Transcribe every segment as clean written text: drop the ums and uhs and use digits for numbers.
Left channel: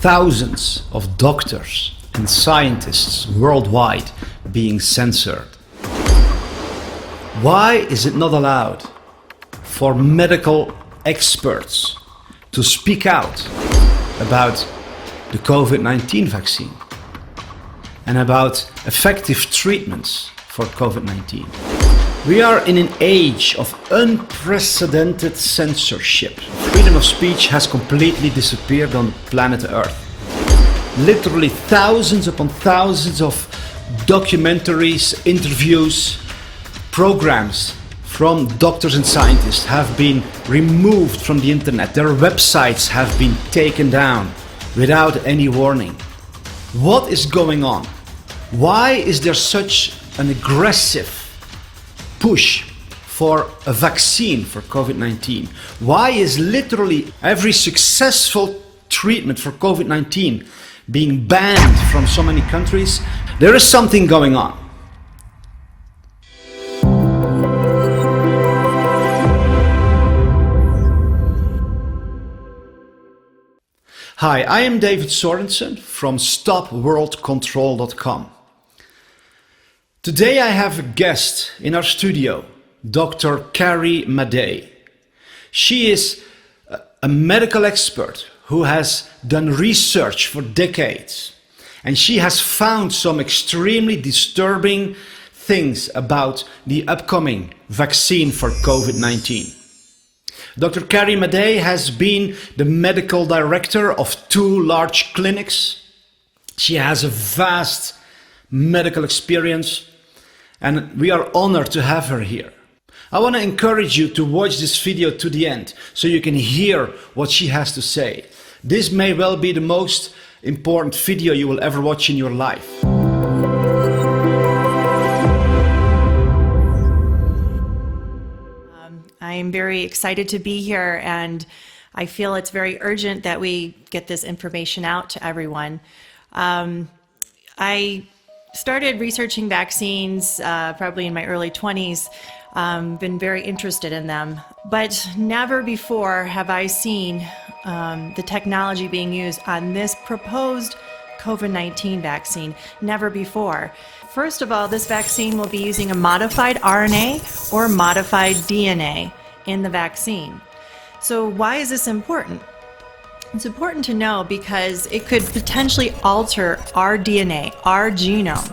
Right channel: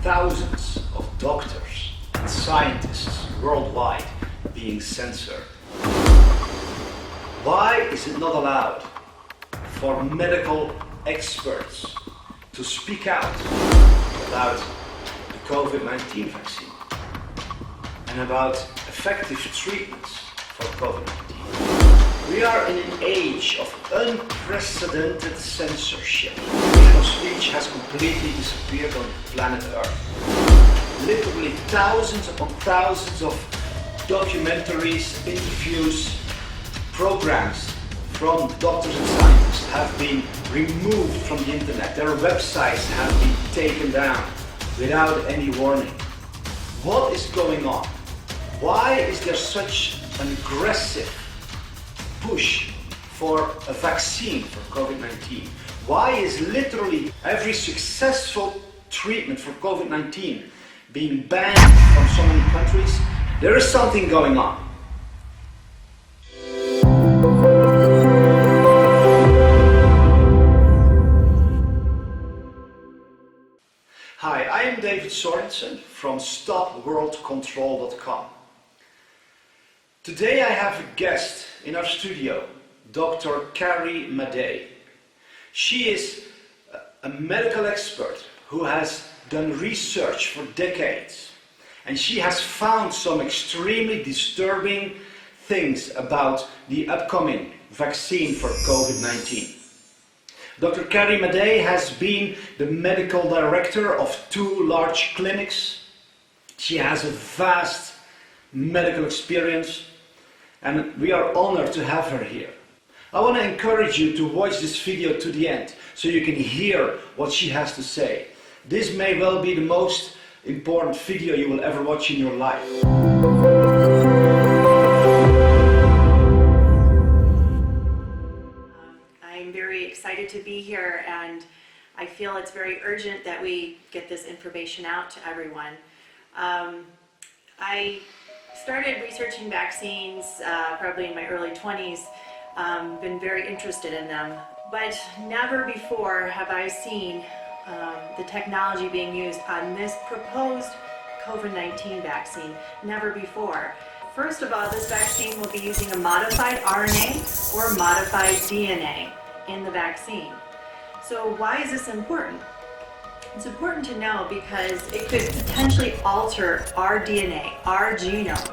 thousands of doctors and scientists worldwide being censored? Why is it not allowed for medical experts to speak out about the COVID-19 vaccine and about effective treatments for COVID-19? We are in an age of unprecedented censorship. Freedom of speech has completely disappeared on planet Earth. Literally thousands upon thousands of documentaries, interviews, programs from doctors and scientists have been removed from the internet. Their websites have been taken down without any warning. What is going on? Why is there such an aggressive push for a vaccine for COVID-19? Why is literally every successful treatment for COVID-19 being banned from so many countries? There is something going on. Hi, I am David Sorensen from StopWorldControl.com. Today I have a guest in our studio, Dr. Carrie Madej. She is a medical expert who has done research for decades, and she has found some extremely disturbing things about the upcoming vaccine for COVID-19. Dr. Carrie Madej has been the medical director of 2 large clinics. She has a vast medical experience, and we are honored to have her here. I want to encourage you to watch this video to the end so you can hear what she has to say. This may well be the most important video you will ever watch in your life. I'm very excited to be here, and I feel it's very urgent that we get this information out to everyone. I started researching vaccines probably in my early 20s, been very interested in them, but never before have I seen the technology being used on this proposed COVID-19 vaccine. Never before. First of all, this vaccine will be using a modified RNA or modified DNA in the vaccine. So why is this important? It's important to know because it could potentially alter our DNA, our genome.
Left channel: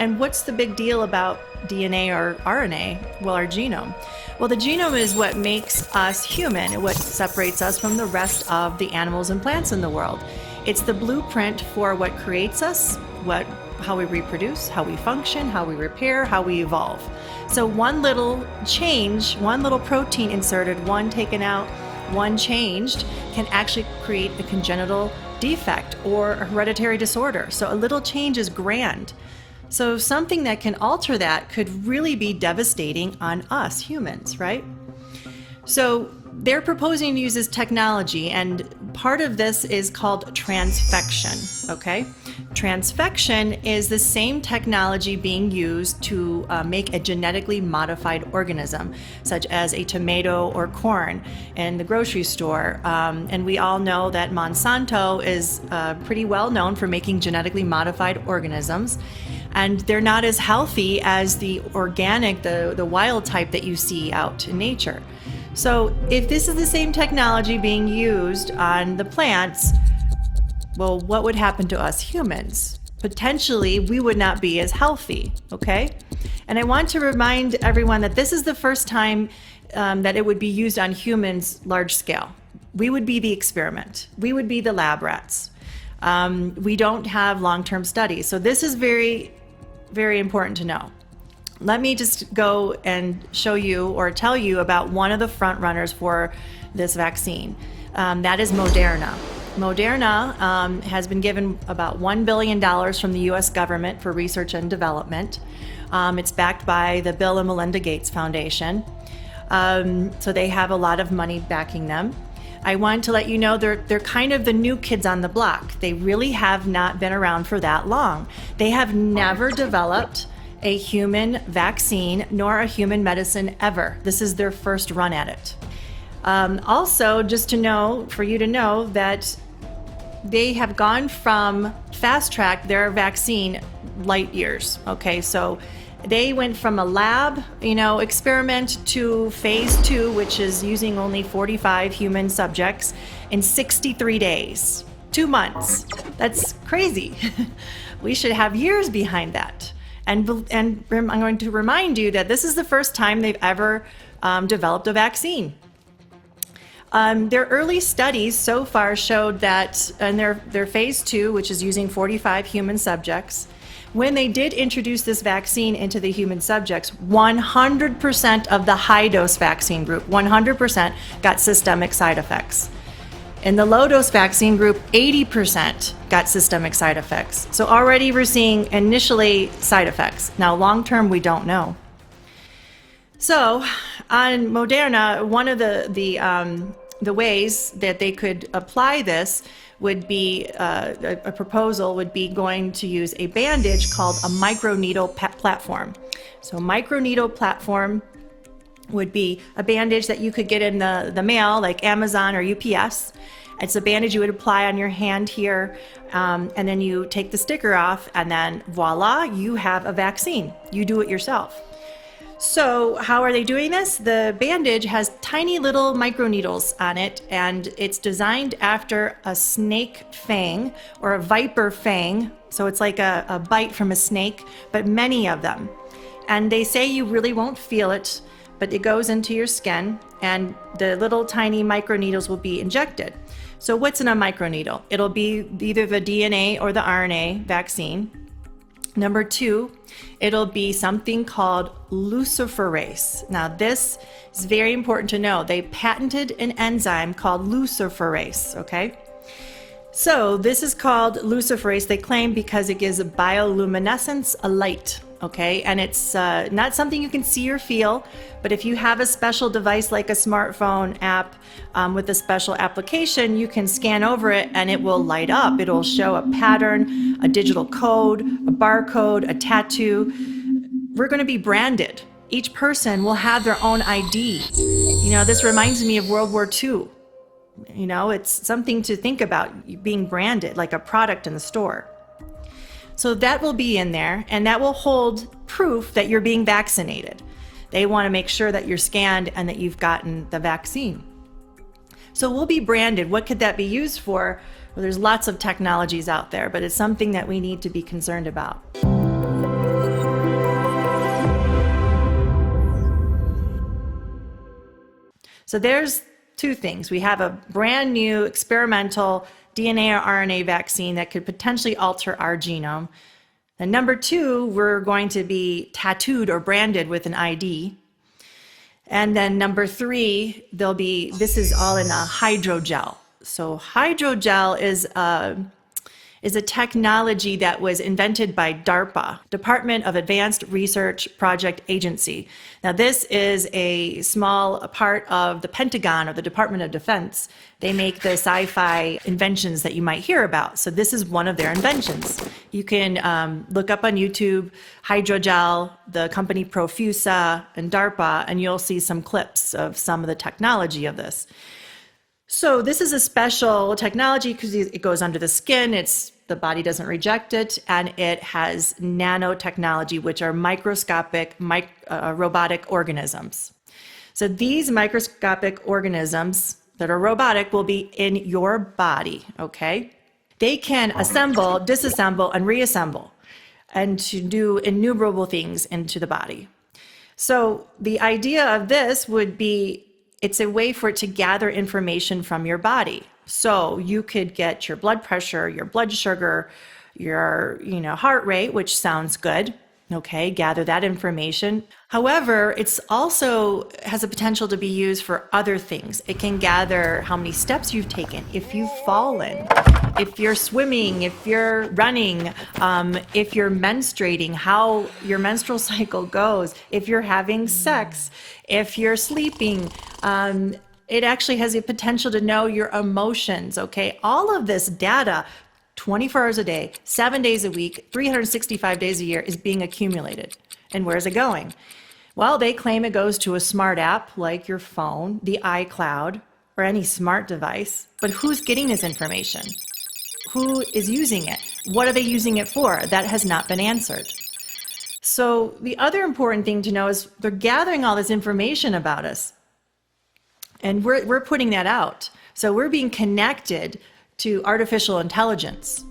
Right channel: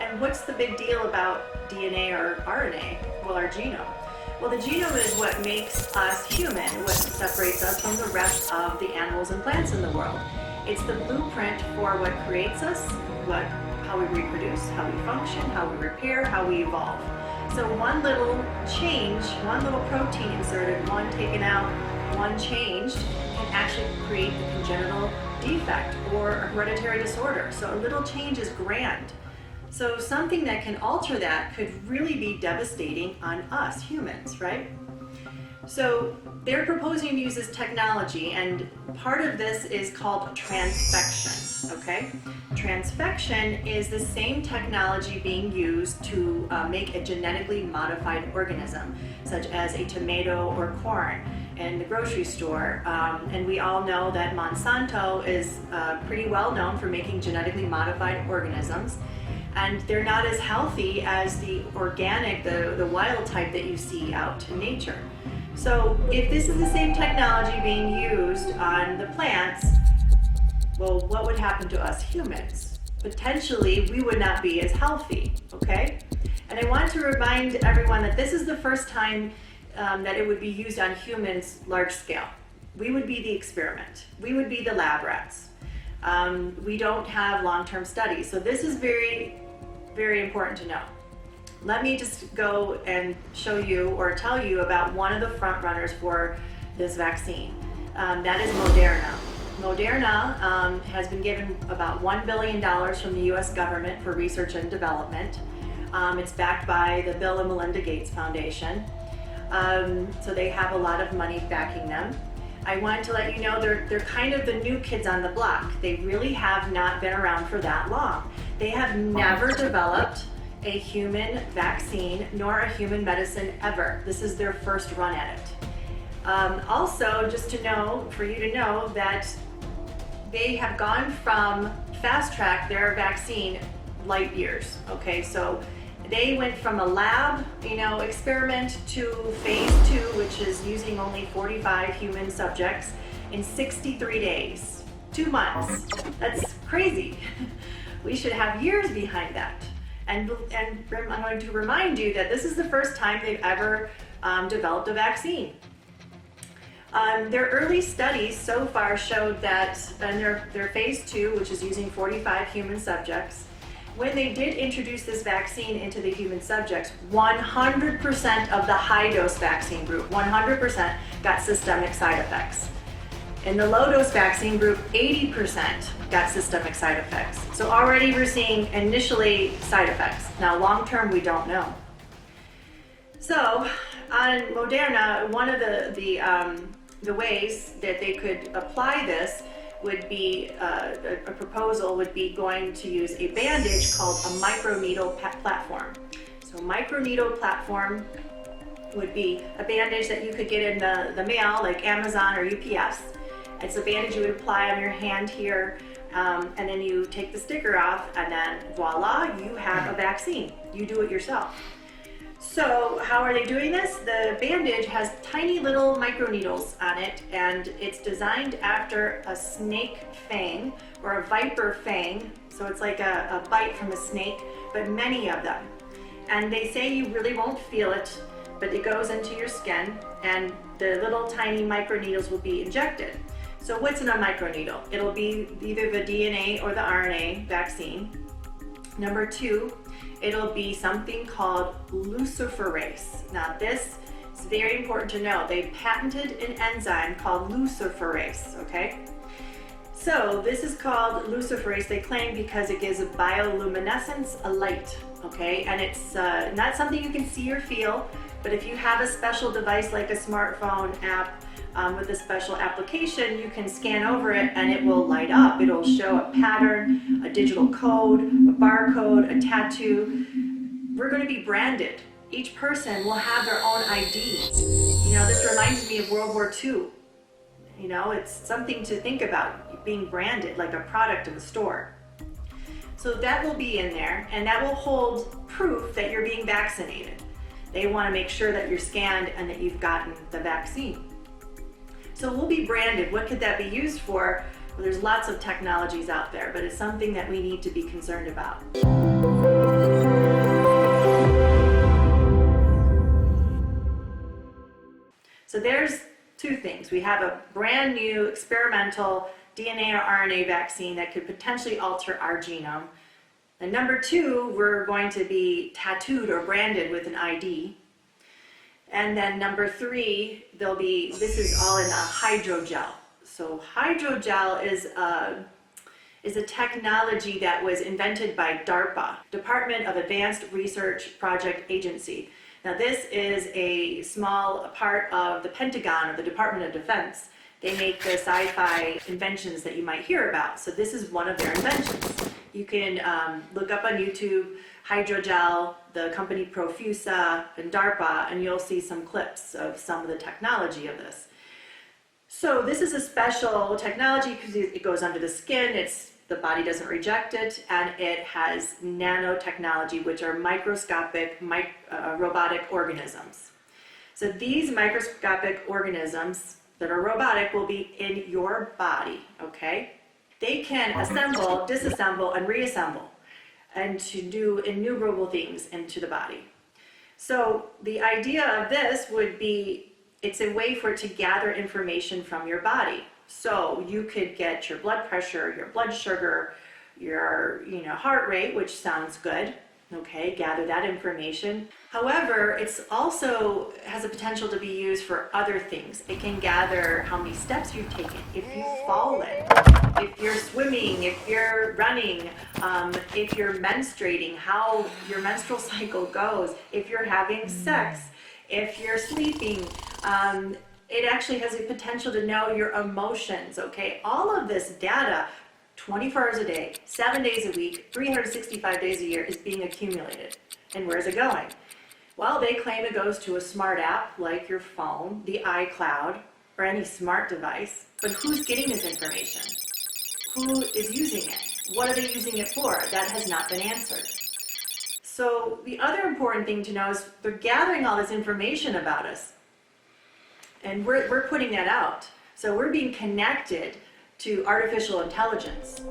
And what's the big deal about DNA or RNA? Well, our genome. Well, the genome is what makes us human and what separates us from the rest of the animals and plants in the world. It's the blueprint for what creates us, how we reproduce, how we function, how we repair, how we evolve. So one little change, one little protein inserted, one taken out, one changed, can actually create a congenital defect or a hereditary disorder. So a little change is grand. So something that can alter that could really be devastating on us humans, right? So they're proposing to use this technology, and part of this is called transfection, okay? Transfection is the same technology being used to make a genetically modified organism, such as a tomato or corn in the grocery store. And we all know that Monsanto is pretty well known for making genetically modified organisms, and they're not as healthy as the organic, the wild type that you see out in nature. So if this is the same technology being used on the plants, well, what would happen to us humans? Potentially, we would not be as healthy, okay? And I want to remind everyone that this is the first time that it would be used on humans large scale. We would be the experiment. We would be the lab rats. We don't have long-term studies. So this is very, very important to know. Let me just go and show you or tell you about one of the front runners for this vaccine. That is Moderna. Moderna has been given about $1 billion from the US government for research and development. It's backed by the Bill and Melinda Gates Foundation. So they have a lot of money backing them. I want to let you know they're kind of the new kids on the block. They really have not been around for that long. They have never developed a human vaccine nor a human medicine ever. This is their first run at it. Also, just to know, for you to know that they have gone from fast track their vaccine light years. Okay, so they went from a lab, experiment to phase 2, which is using only 45 human subjects in 63 days, 2 months. That's crazy. We should have years behind that. And I'm going to remind you that this is the first time they've ever developed a vaccine. Their early studies so far showed that in their phase 2, which is using 45 human subjects, when they did introduce this vaccine into the human subjects, 100% of the high-dose vaccine group, 100% got systemic side effects. In the low-dose vaccine group, 80% got systemic side effects. So already we're seeing initially side effects. Now, long-term, we don't know. So on Moderna, one of the ways that they could apply this would be a proposal would be going to use a bandage called a microneedle platform. So microneedle platform would be a bandage that you could get in the mail, like Amazon or UPS. It's a bandage you would apply on your hand here, and then you take the sticker off, and then voila, you have a vaccine. You do it yourself. So how are they doing this? The bandage has tiny little microneedles on it, and it's designed after a snake fang or a viper fang. So it's like a bite from a snake, but many of them. And they say you really won't feel it, but it goes into your skin, and the little tiny microneedles will be injected. So what's in a microneedle? It'll be either the DNA or the RNA vaccine. Number 2, it'll be something called luciferase. Now this is very important to know. They patented an enzyme called luciferase, okay? So this is called luciferase, they claim, because it gives a bioluminescence, a light, okay? And it's not something you can see or feel, but if you have a special device like a smartphone app with a special application, you can scan over it and it will light up. It'll show a pattern, a digital code, a barcode, a tattoo. We're going to be branded. Each person will have their own ID. This reminds me of World War II. It's something to think about, being branded like a product in the store. So that will be in there, and that will hold proof that you're being vaccinated. They want to make sure that you're scanned and that you've gotten the vaccine. So we'll be branded. What could that be used for? Well, there's lots of technologies out there, but it's something that we need to be concerned about. So there's 2 things. We have a brand new experimental DNA or RNA vaccine that could potentially alter our genome. And number 2, we're going to be tattooed or branded with an ID. And then number 3, this is all in a hydrogel. So hydrogel is a technology that was invented by DARPA, Department of Advanced Research Project Agency. Now this is a small part of the Pentagon or the Department of Defense. They make the sci-fi inventions that you might hear about. So this is one of their inventions. You can look up on YouTube, hydrogel, the company Profusa, and DARPA, and you'll see some clips of some of the technology of this. So this is a special technology because it goes under the skin, the body doesn't reject it, and it has nanotechnology, which are microscopic robotic organisms. So these microscopic organisms that are robotic will be in your body, okay? They can assemble, disassemble, and reassemble, and to do innumerable things into the body. So the idea of this would be, it's a way for it to gather information from your body. So you could get your blood pressure, your blood sugar, your heart rate, which sounds good. Okay, gather that information. However, it's also has a potential to be used for other things. It can gather how many steps you've taken, if you've fallen, if you're swimming, if you're running, if you're menstruating, how your menstrual cycle goes, if you're having sex, if you're sleeping. It actually has a potential to know your emotions, okay? All of this data, 24 hours a day, 7 days a week, 365 days a year is being accumulated. And where's it going? Well, they claim it goes to a smart app like your phone, the iCloud, or any smart device. But who's getting this information? Who is using it? What are they using it for? That has not been answered. So the other important thing to know is they're gathering all this information about us, and we're putting that out. So we're being connected to artificial intelligence.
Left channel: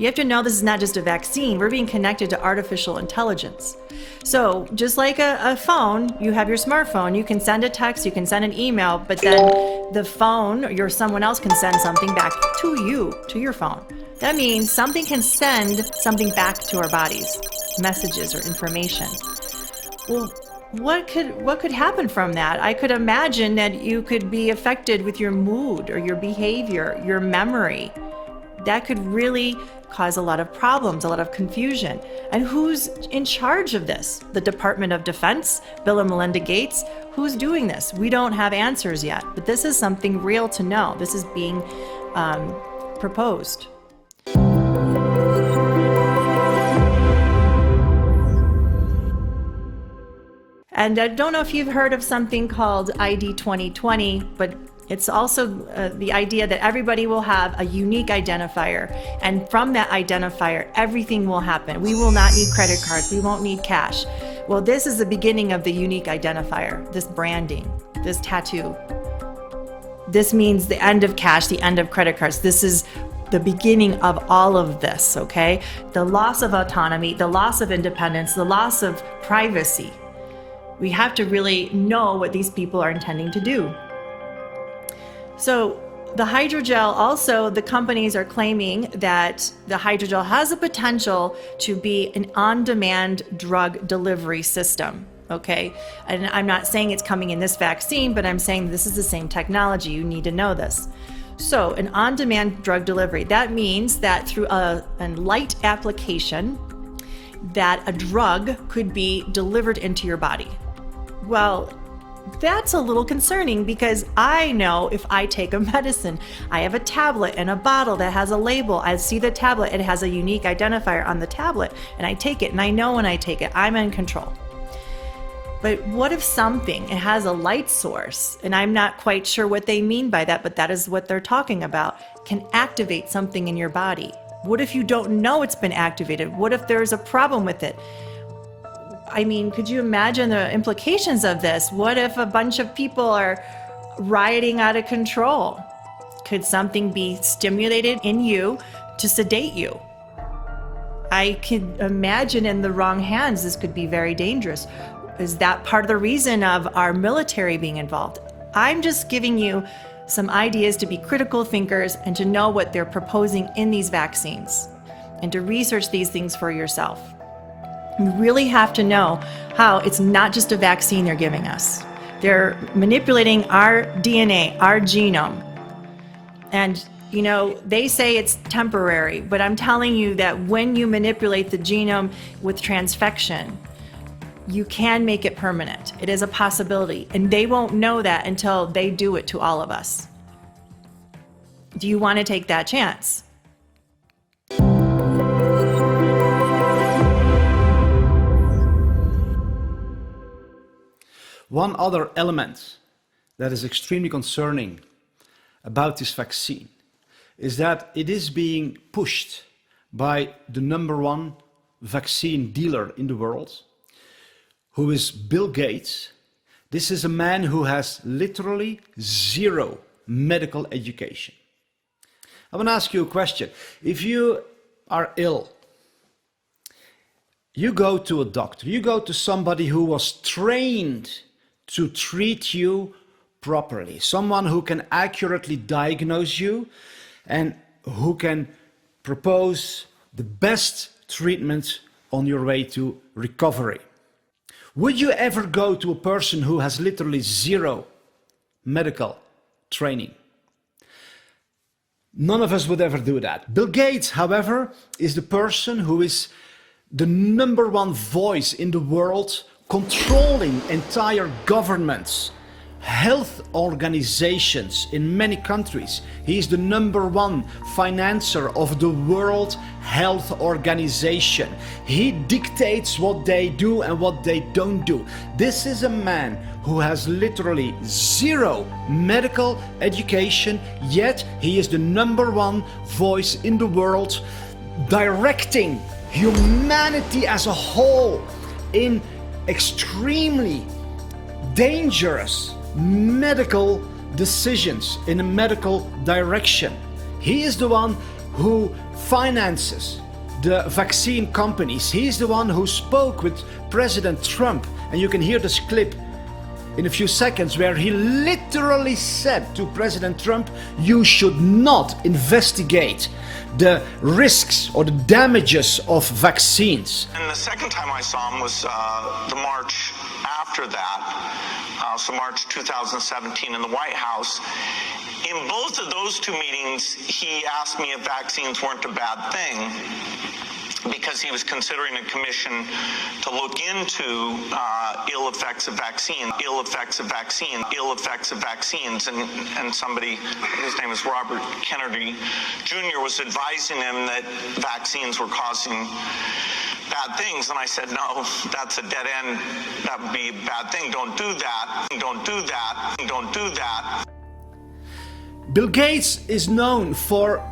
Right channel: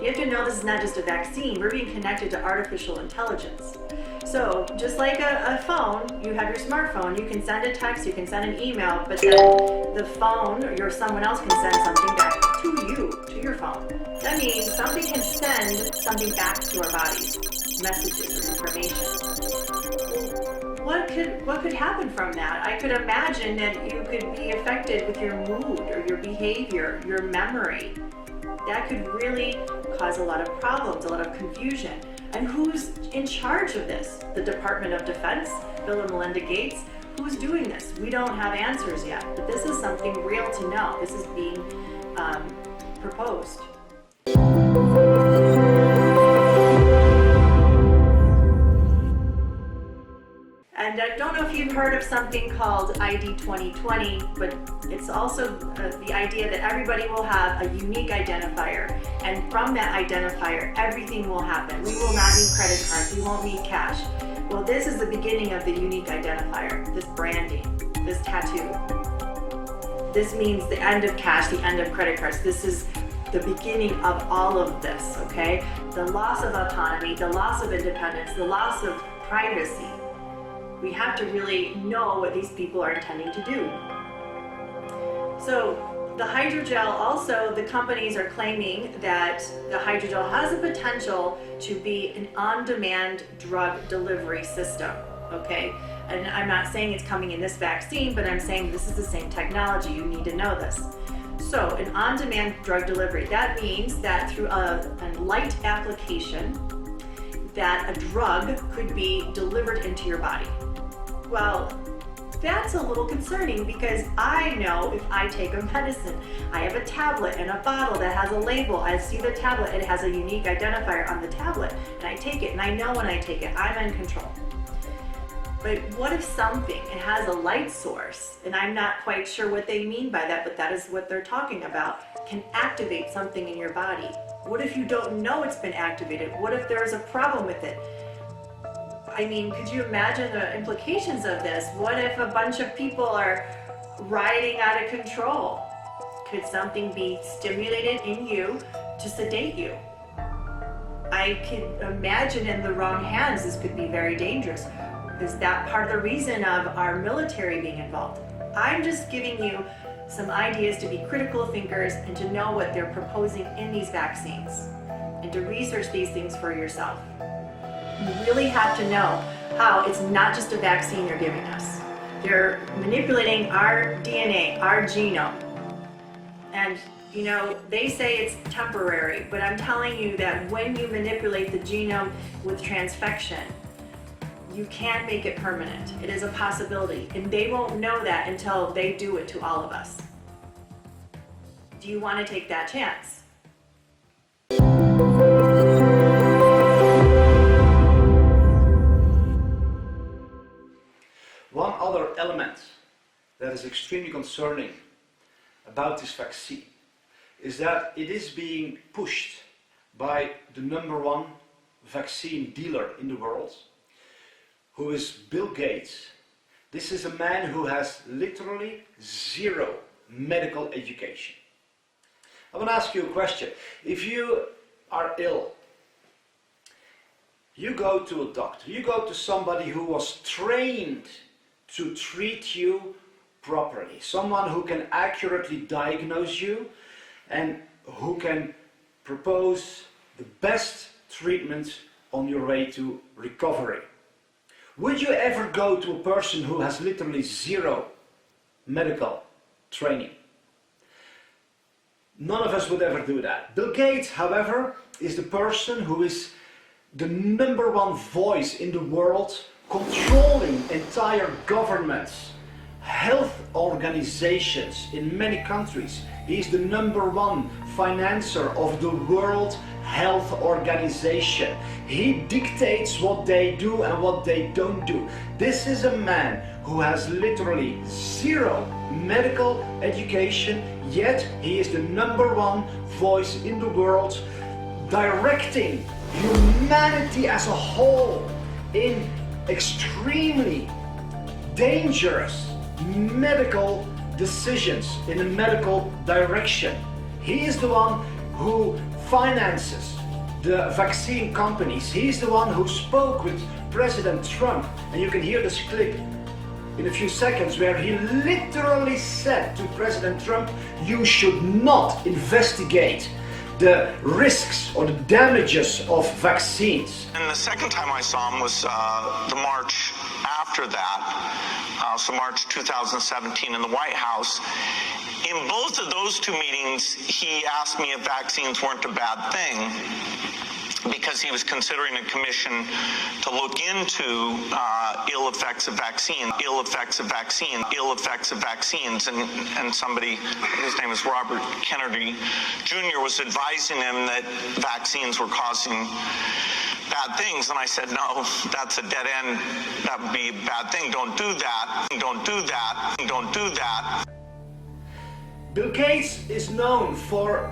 You have to know this is not just a vaccine. We're being connected to artificial intelligence. So just like a phone, you have your smartphone, you can send a text, you can send an email, but then the phone or someone else can send something back to you, to your phone. That means something can send something back to our bodies, messages or information. Well, what could happen from that? I could imagine that you could be affected with your mood or your behavior, your memory. That could really cause a lot of problems, a lot of confusion. And who's in charge of this? The Department of Defense, Bill and Melinda Gates? Who's doing this? We don't have answers yet, but this is something real to know. This is being proposed. And I don't know if you've heard of something called ID 2020, but it's also the idea that everybody will have a unique identifier. And from that identifier, everything will happen. We will not need credit cards. We won't need cash. Well, this is the beginning of the unique identifier, this branding, this tattoo. This means the end of cash, the end of credit cards. This is the beginning of all of this, okay? The loss of autonomy, the loss of independence, the loss of privacy. We have to really know what these people are intending to do. So the hydrogel also, the companies are claiming that the hydrogel has the potential to be an on-demand drug delivery system, okay? And I'm not saying it's coming in this vaccine, but I'm saying this is the same technology. You need to know this. So an on-demand drug delivery, that means that through a light application, that a drug could be delivered into your body. Well, that's a little concerning because I know if I take a medicine, I have a tablet and a bottle that has a label. I see the tablet, it has a unique identifier on the tablet, and I take it, and I know when I take it, I'm in control. But what if something, it has a light source, and I'm not quite sure what they mean by that, but that is what they're talking about, can activate something in your body? What if you don't know it's been activated? What if there's a problem with it? I mean, could you imagine the implications of this? What if a bunch of people are rioting out of control? Could something be stimulated in you to sedate you? I can imagine in the wrong hands, this could be very dangerous. Is that part of the reason of our military being involved? I'm just giving you some ideas to be critical thinkers and to know what they're proposing in these vaccines and to research these things for yourself. You really have to know how it's not just a vaccine they're giving us. They're manipulating our DNA, our genome. And, you know, they say it's temporary, but I'm telling you that when you manipulate the genome with transfection, you can make it permanent. It is a possibility. And they won't know that until they do it to all of us. Do you want to take that chance? One other element that is extremely concerning about this vaccine is that it is being pushed by the #1 vaccine dealer in the world, who is Bill Gates. This is a man who has literally zero medical education. I want to ask you a question. If you are ill, you go to a doctor, you go to somebody who was trained to treat you properly, someone who can accurately diagnose you and who can propose the best treatment on your way to recovery. Would you ever go to a person who has literally zero medical training? None of us would ever do that. Bill Gates, however, is the person who is the #1 voice in the world, controlling entire governments health organizations in many countries. He is the #1 financer of the World Health Organization. He dictates what they do and what they don't do. This is a man who has literally zero medical education, yet he is the #1 voice in the world, directing humanity as a whole in extremely dangerous medical decisions in a medical direction. He is the one who finances the vaccine companies. He is the one who spoke with President Trump, and you can hear this clip in a few seconds where he literally said to President Trump, you should not investigate the risks or the damages of vaccines. And the second time I saw him was the March after that, so March 2017 in the White House. In both of those two meetings, he asked me if vaccines weren't a bad thing, because he was considering a commission to look into ill effects of vaccines, and somebody, his name is Robert Kennedy Jr., was advising him that vaccines were causing bad things, and I said, no, that's a dead end, that would be a bad thing, don't do that, don't do that, don't do that. Bill Gates is known for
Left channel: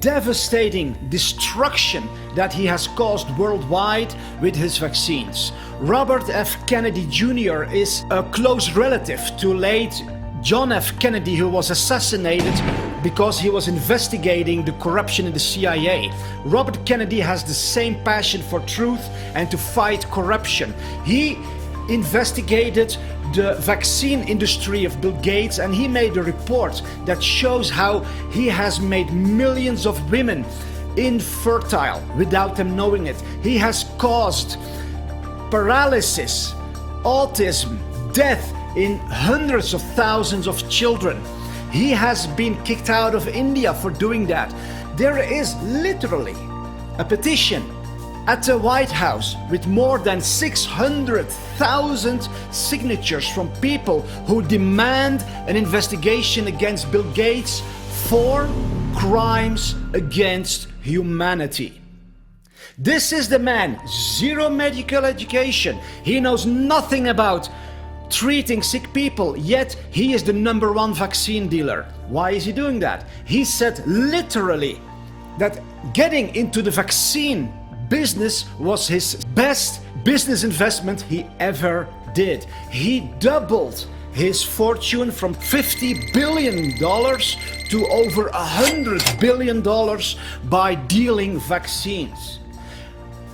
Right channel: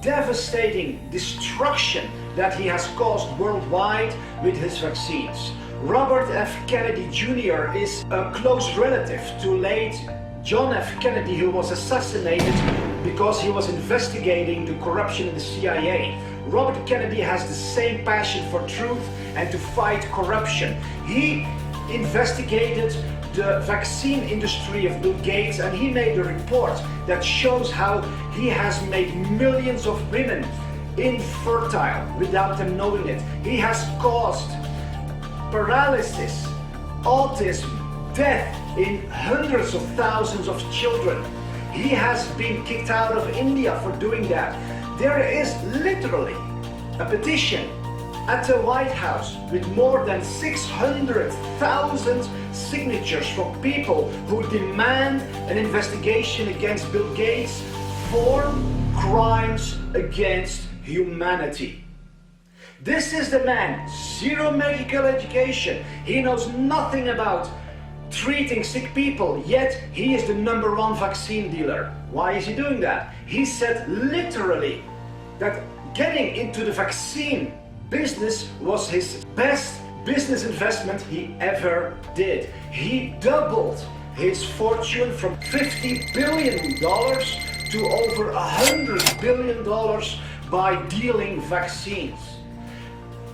devastating destruction that he has caused worldwide with his vaccines. Robert F. Kennedy Jr. is a close relative to late John F. Kennedy, who was assassinated because he was investigating the corruption in the CIA. Robert Kennedy has the same passion for truth and to fight corruption. He investigated the vaccine industry of Bill Gates, and he made a report that shows how he has made millions of women infertile without them knowing it. He has caused paralysis, autism, death in hundreds of thousands of children. He has been kicked out of India for doing that. There is literally a petition at the White House with more than 600,000 signatures from people who demand an investigation against Bill Gates for crimes against humanity. This is the man, zero medical education. He knows nothing about treating sick people, yet he is the #1 vaccine dealer. Why is he doing that? He said literally that getting into the vaccine business was his best business investment he ever did. He doubled his fortune from $50 billion to over $100 billion by dealing vaccines.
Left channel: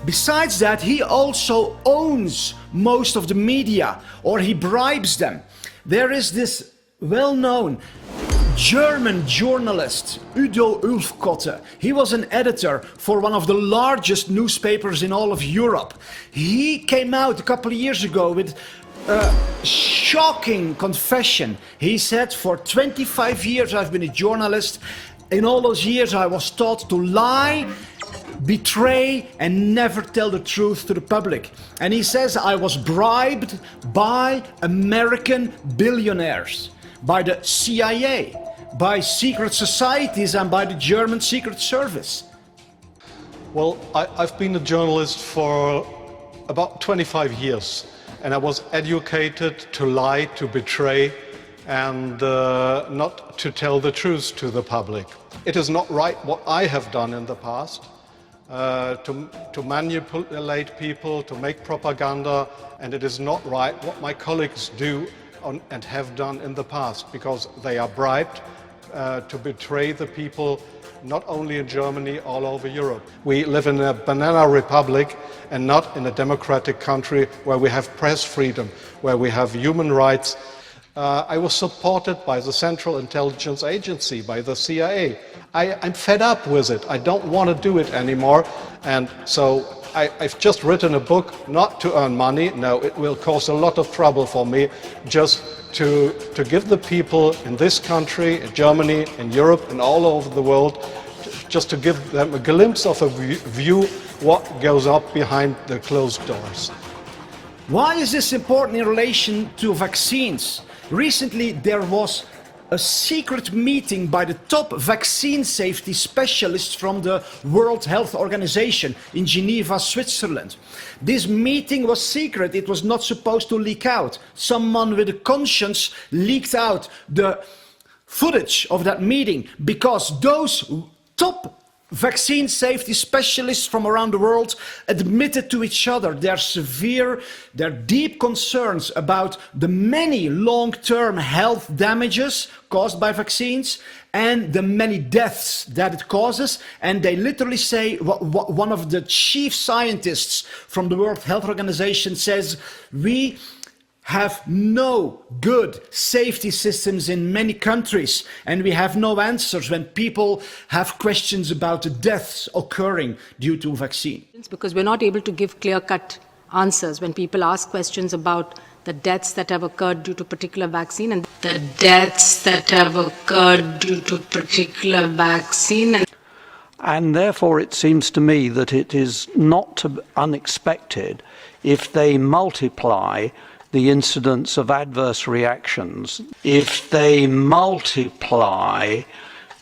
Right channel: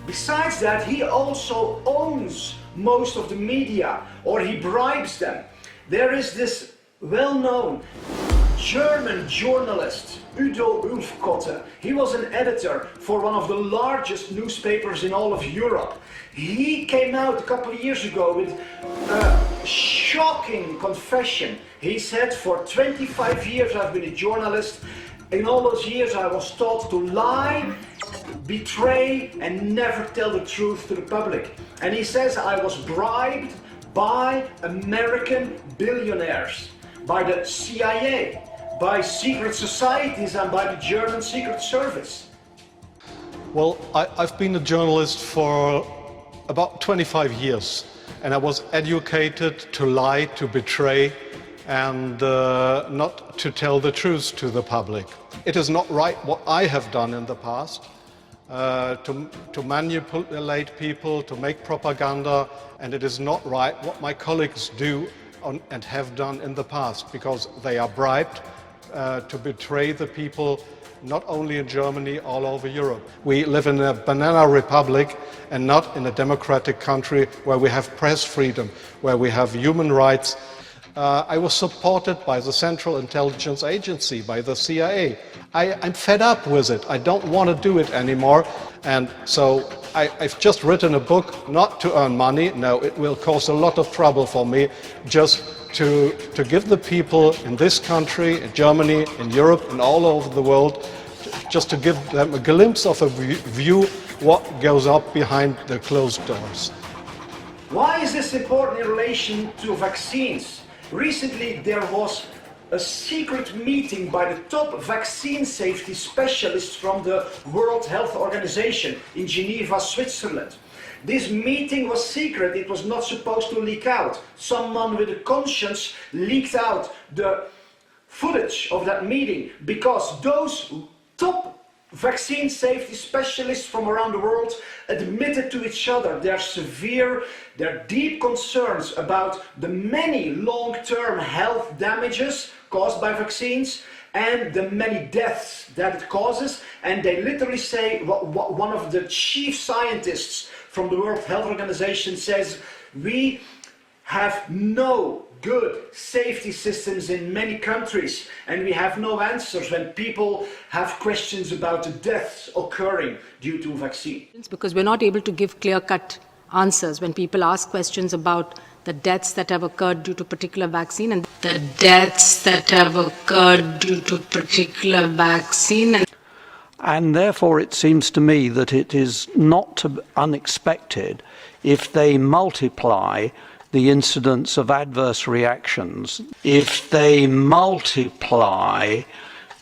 Besides that, he also owns most of the media, or he bribes them. There is this well-known German journalist, Udo Ulfkotte. He was an editor for one of the largest newspapers in all of Europe. He came out a couple of years ago with a shocking confession. He said, for 25 years I've been a journalist. In all those years I was taught to lie, betray, and never tell the truth to the public. And he says I was bribed by American billionaires, by the CIA, by secret societies, and by the German Secret Service. Well, I've been a journalist for about 25 years, and I was educated to lie, to betray, and not to tell the truth to the public. It is not right what I have done in the past, to manipulate people, to make propaganda, and it is not right what my colleagues do and have done in the past, because they are bribed to betray the people, not only in Germany, all over Europe. We live in a banana republic and not in a democratic country where we have press freedom, where we have human rights. I was supported by the Central Intelligence Agency, by the CIA. I'm fed up with it. I don't want to do it anymore. And so I've just written a book not to earn money. No, it will cause a lot of trouble for me, just to give the people in this country, in Germany, in Europe, and all over the world, just to give them a glimpse of a view what goes up behind the closed doors. Why is this important in relation to vaccines? Recently, there was a secret meeting by the top vaccine safety specialists from the World Health Organization in Geneva, Switzerland. This meeting was secret. It was not supposed to leak out. Someone with a conscience leaked out the footage of that meeting because those top vaccine safety specialists from around the world admitted to each other their deep concerns about the many long-term health damages caused by vaccines and the many deaths that it causes. And they literally say, one of the chief scientists from the World Health Organization says, we have no good safety systems in many countries, and we have no answers when people have questions about the deaths occurring due to vaccines. Because we're not able to give clear-cut answers when people ask questions about the deaths that have occurred due to particular vaccine and the deaths that have occurred due to particular vaccine. And therefore it seems to me that it is not unexpected if they multiply the incidence of adverse reactions. If they multiply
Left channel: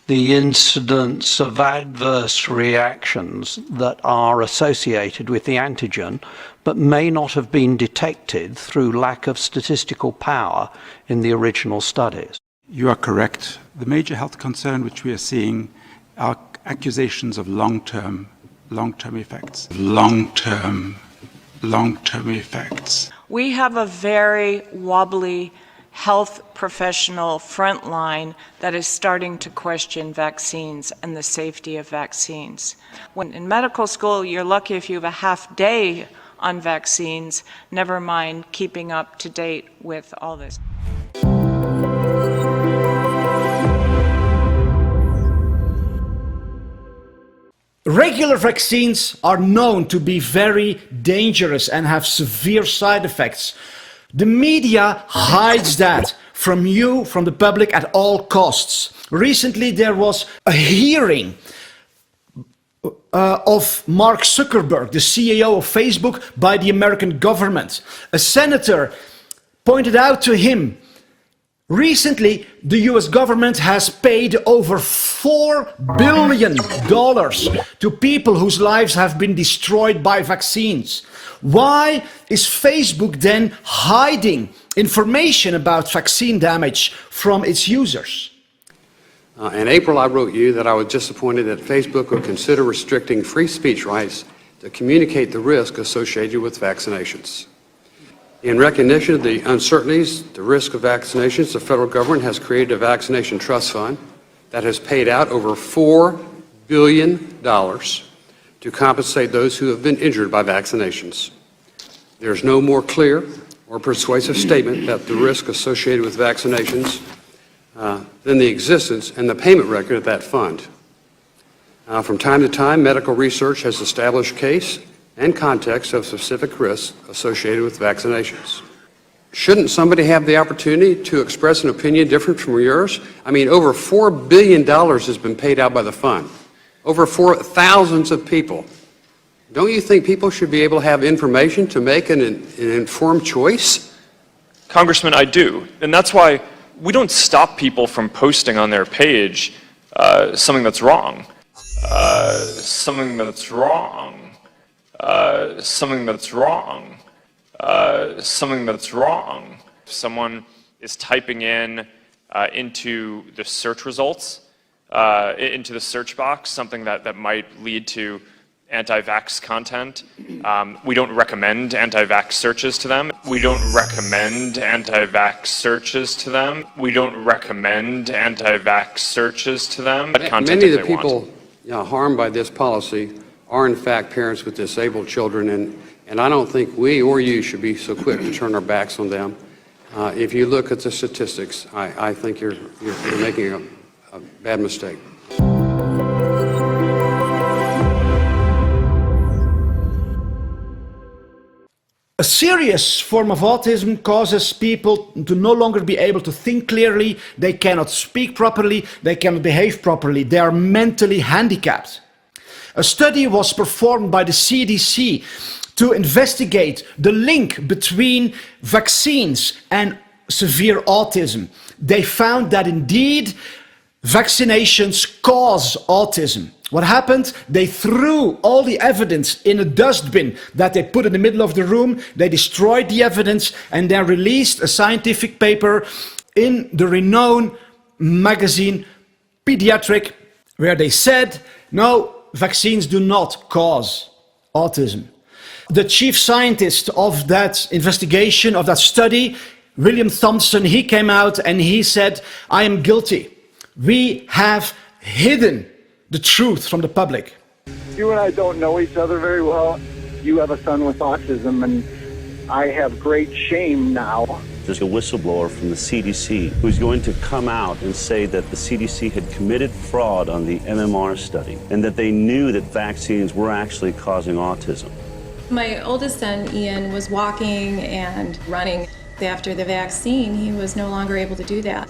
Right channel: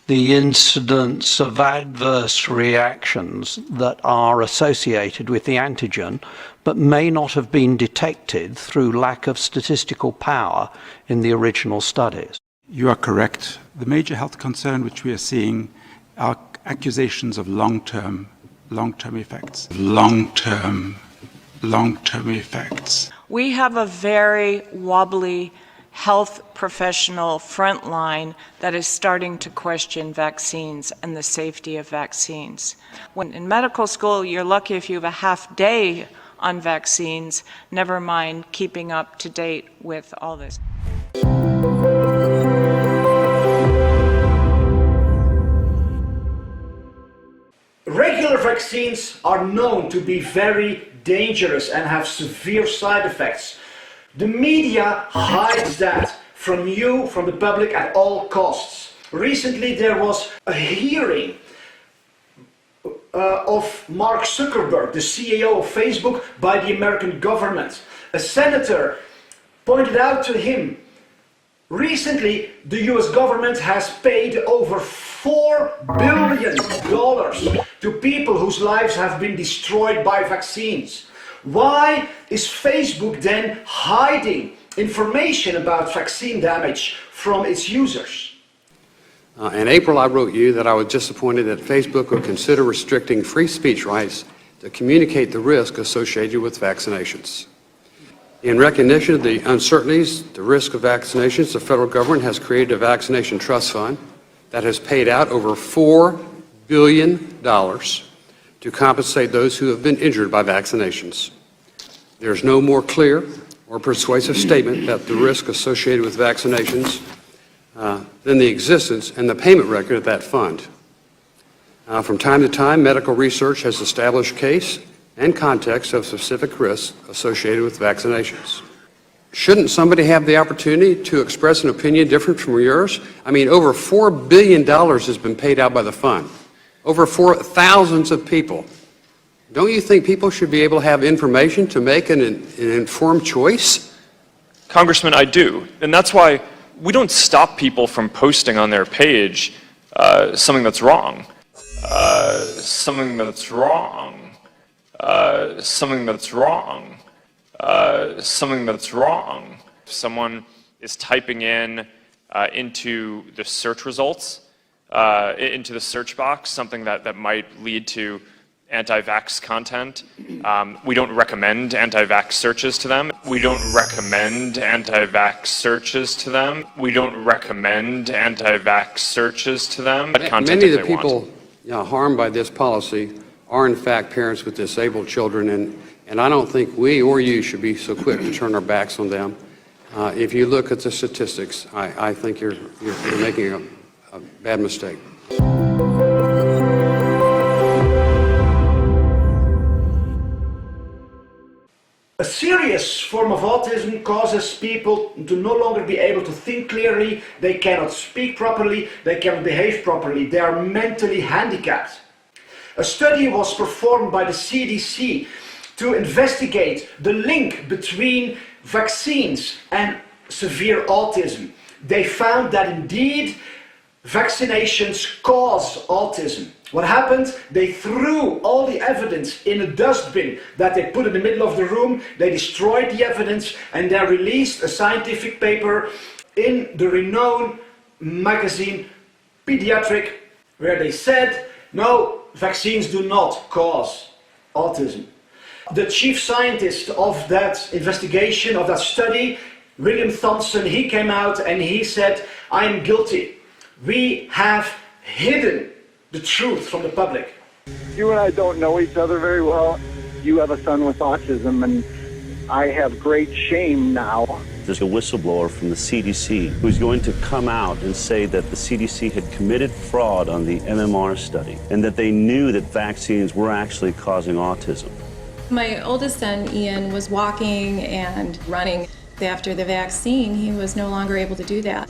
the incidence of adverse reactions that are associated with the antigen, but may not have been detected through lack of statistical power in the original studies. You are correct. The major health concern which we are seeing are accusations of long-term effects. Long-term effects. We have a very wobbly health professional front line that is starting to question vaccines and the safety of vaccines. When in medical school, you're lucky if you have a half day on vaccines, never mind keeping up to date with all this. Regular vaccines are known to be very dangerous and have severe side effects. The media hides that from you, from the public, at all costs. Recently there was a hearing of Mark Zuckerberg, the CEO of Facebook, by the American government. A senator pointed out to him, recently the US government has paid over $4 billion to people whose lives have been destroyed by vaccines. Why is Facebook then hiding information about vaccine damage from its users? In April, I wrote you that I was disappointed that Facebook would consider restricting free speech rights to communicate the risk associated with vaccinations. In recognition of the uncertainties, the risk of vaccinations, the federal government has created a vaccination trust fund that has paid out over $4 billion to compensate those who have been injured by vaccinations. There's no more clear or persuasive statement about the risk associated with vaccinations than the existence and the payment record of that fund. From time to time, medical research has established case and context of specific risks associated with vaccinations. Shouldn't somebody have the opportunity to express an opinion different from yours? I mean, over $4 billion has been paid out by the fund. Over thousands of people. Don't you think people should be able to have information to make an informed choice? Congressman, I do. And that's why we don't stop people from posting on their page something that's wrong. Something that's wrong. Something that's wrong. Something that's wrong. If someone is typing in into the search results, into the search box, something that might lead to anti-vax content, we don't recommend anti-vax searches to them. We don't recommend anti-vax searches to them. We don't recommend anti-vax searches to them. Many of the people harmed by this policy are in fact parents with disabled children, and I don't think we or you should be so quick to turn our backs on them. If you look at the statistics, I think you're making a bad mistake. A serious form of autism causes people to no longer be able to think clearly, they cannot speak properly, they cannot behave properly, they are mentally handicapped. A study was performed by the CDC to investigate the link between vaccines and severe autism. They found that indeed vaccinations cause autism. What happened? They threw all the evidence in a dustbin that they put in the middle of the room. They destroyed the evidence and then released a scientific paper in the renowned magazine Pediatric, where they said, no, vaccines do not cause autism. The chief scientist of that investigation, of that study, William Thompson, he came out and he said, I am guilty. We have hidden the truth from the public. You and I don't know each other very well. You have a son with autism, and I have great shame now. There's a whistleblower from the CDC who's going to come out and say that the CDC had committed fraud on the MMR study and that they knew that vaccines were actually causing autism. My oldest son, Ian, was walking and running. After the vaccine, he was no longer able to do that.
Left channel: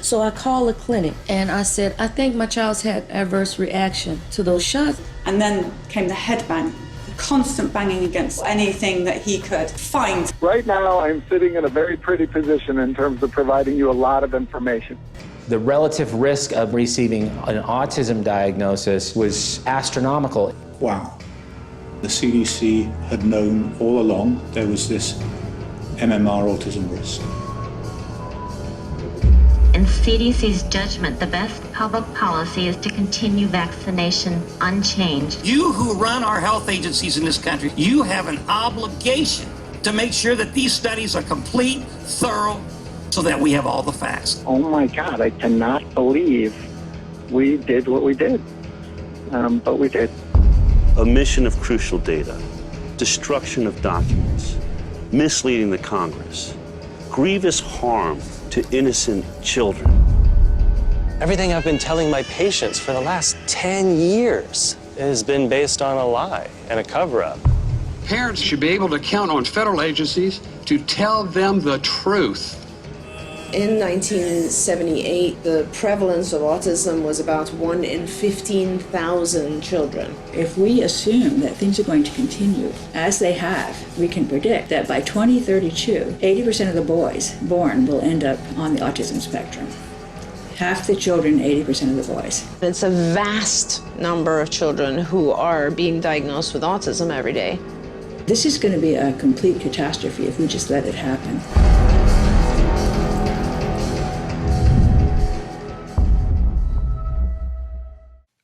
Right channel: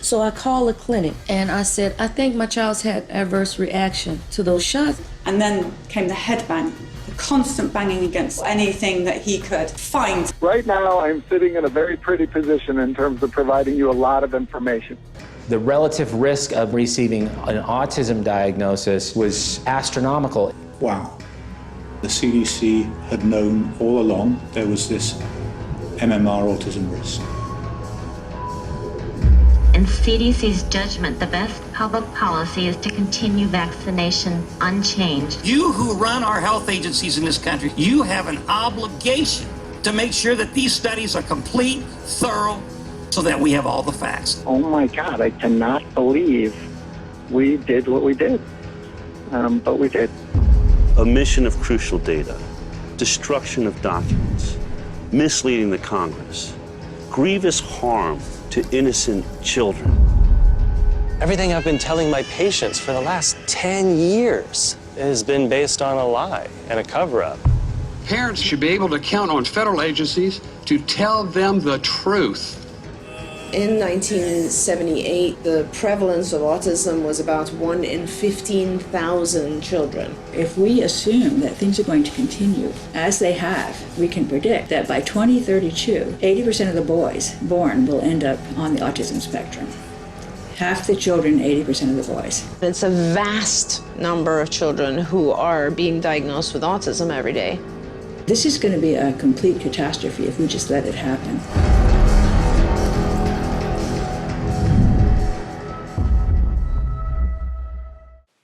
So I called the clinic and I said, I think my child's had adverse reaction to those shots. And then came the head bang, the constant banging against anything that he could find. Right now, I'm sitting in a very pretty position in terms of providing you a lot of information. The relative risk of receiving an autism diagnosis was astronomical. Wow. The CDC had known all along there was this MMR autism risk. In CDC's judgment, the best public policy is to continue vaccination unchanged. You who run our health agencies in this country, you have an obligation to make sure that these studies are complete, thorough, so that we have all the facts. Oh my God, I cannot believe we did what we did, but we did. Omission of crucial data, destruction of documents, misleading the Congress, grievous harm to innocent children. Everything I've been telling my patients for the last 10 years has been based on a lie and a cover-up. Parents should be able to count on federal agencies to tell them the truth. In 1978, the prevalence of autism was about 1 in 15,000 children. If we assume that things are going to continue as they have, we can predict that by 2032, 80% of the boys born will end up on the autism spectrum. Half the children, 80% of the boys. It's a vast number of children who are being diagnosed with autism every day. This is going to be a complete catastrophe if we just let it happen.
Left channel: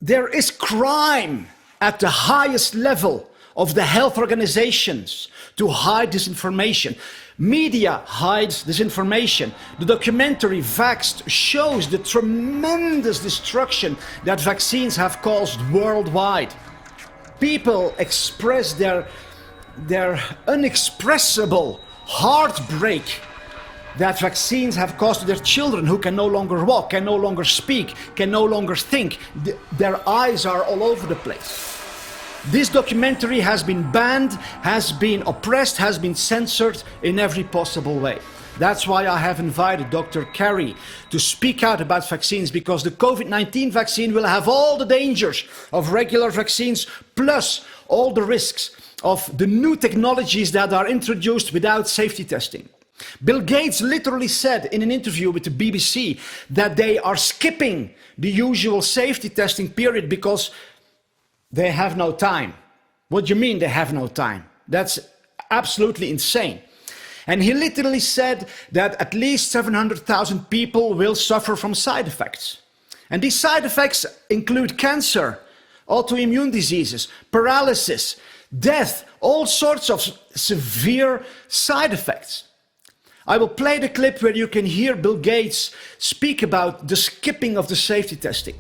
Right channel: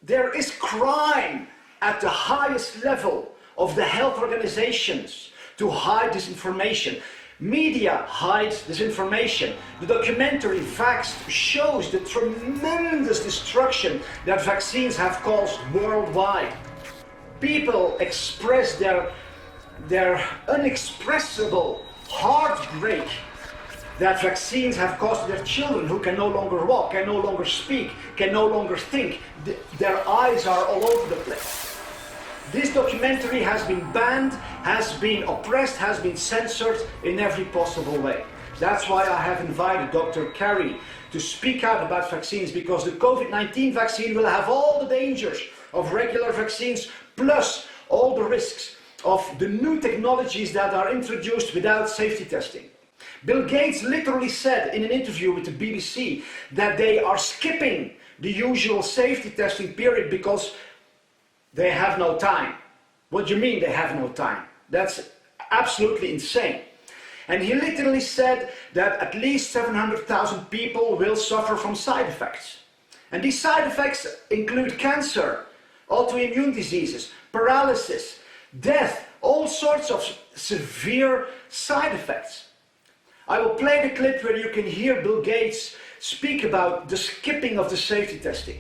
There is crime at the highest level of the health organizations to hide this information. Media hides this information. The documentary Vaxxed shows the tremendous destruction that vaccines have caused worldwide. People express their unexpressible heartbreak that vaccines have caused to their children who can no longer walk, can no longer speak, can no longer think. Their eyes are all over the place. This documentary has been banned, has been oppressed, has been censored in every possible way. That's why I have invited Dr. Carrie to speak out about vaccines, because the COVID-19 vaccine will have all the dangers of regular vaccines, plus all the risks of the new technologies that are introduced without safety testing. Bill Gates literally said in an interview with the BBC that they are skipping the usual safety testing period because they have no time. What do you mean they have no time? That's absolutely insane. And he literally said that at least 700,000 people will suffer from side effects. And these side effects include cancer, autoimmune diseases, paralysis, death, all sorts of severe side effects. I will play the clip where you can hear Bill Gates speak about the skipping of the safety testing.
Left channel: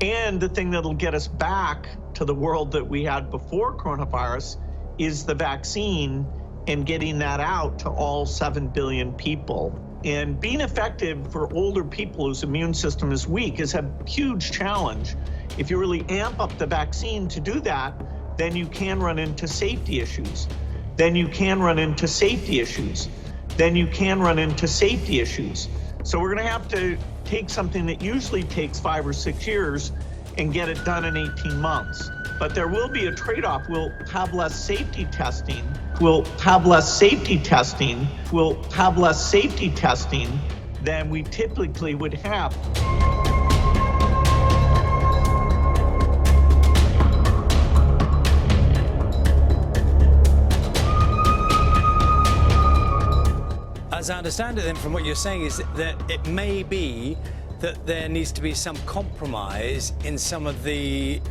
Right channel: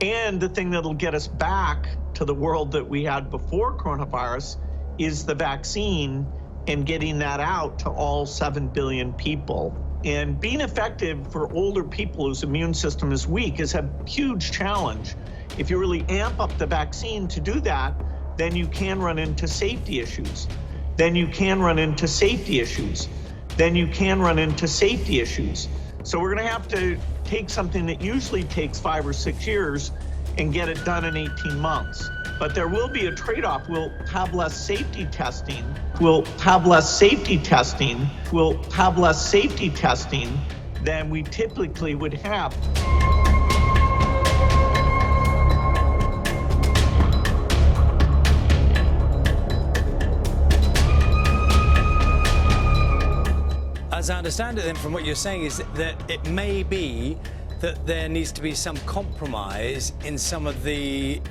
And the thing that'll get us back to the world that we had before coronavirus is the vaccine and getting that out to all 7 billion people. And being effective for older people whose immune system is weak is a huge challenge. If you really amp up the vaccine to do that, then you can run into safety issues. Then you can run into safety issues. Then you can run into safety issues. So we're gonna have to take something that usually takes 5 or 6 years and get it done in 18 months. But there will be a trade-off. We'll have less safety testing. We'll have less safety testing. We'll have less safety testing than we typically would have. As I understand it then from what you're saying is that it may be that there needs to be some compromise in some of the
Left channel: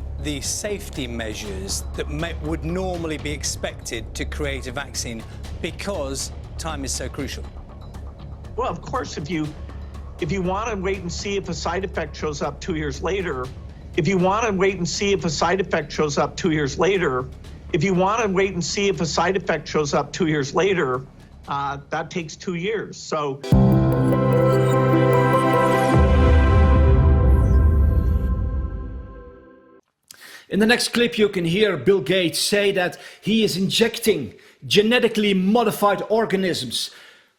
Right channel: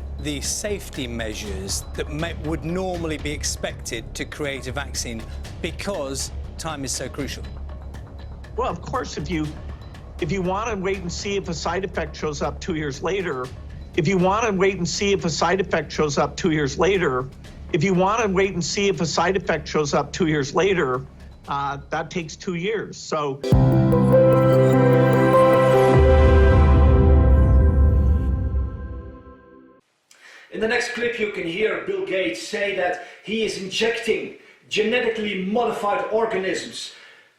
safety measures that would normally be expected to create a vaccine because time is so crucial. Well, of course, if you want to wait and see if a side effect shows up 2 years later, if you want to wait and see if a side effect shows up 2 years later, if you want to wait and see if a side effect shows up 2 years later, that takes 2 years. So. In the next clip, you can hear Bill Gates say that he is injecting genetically modified organisms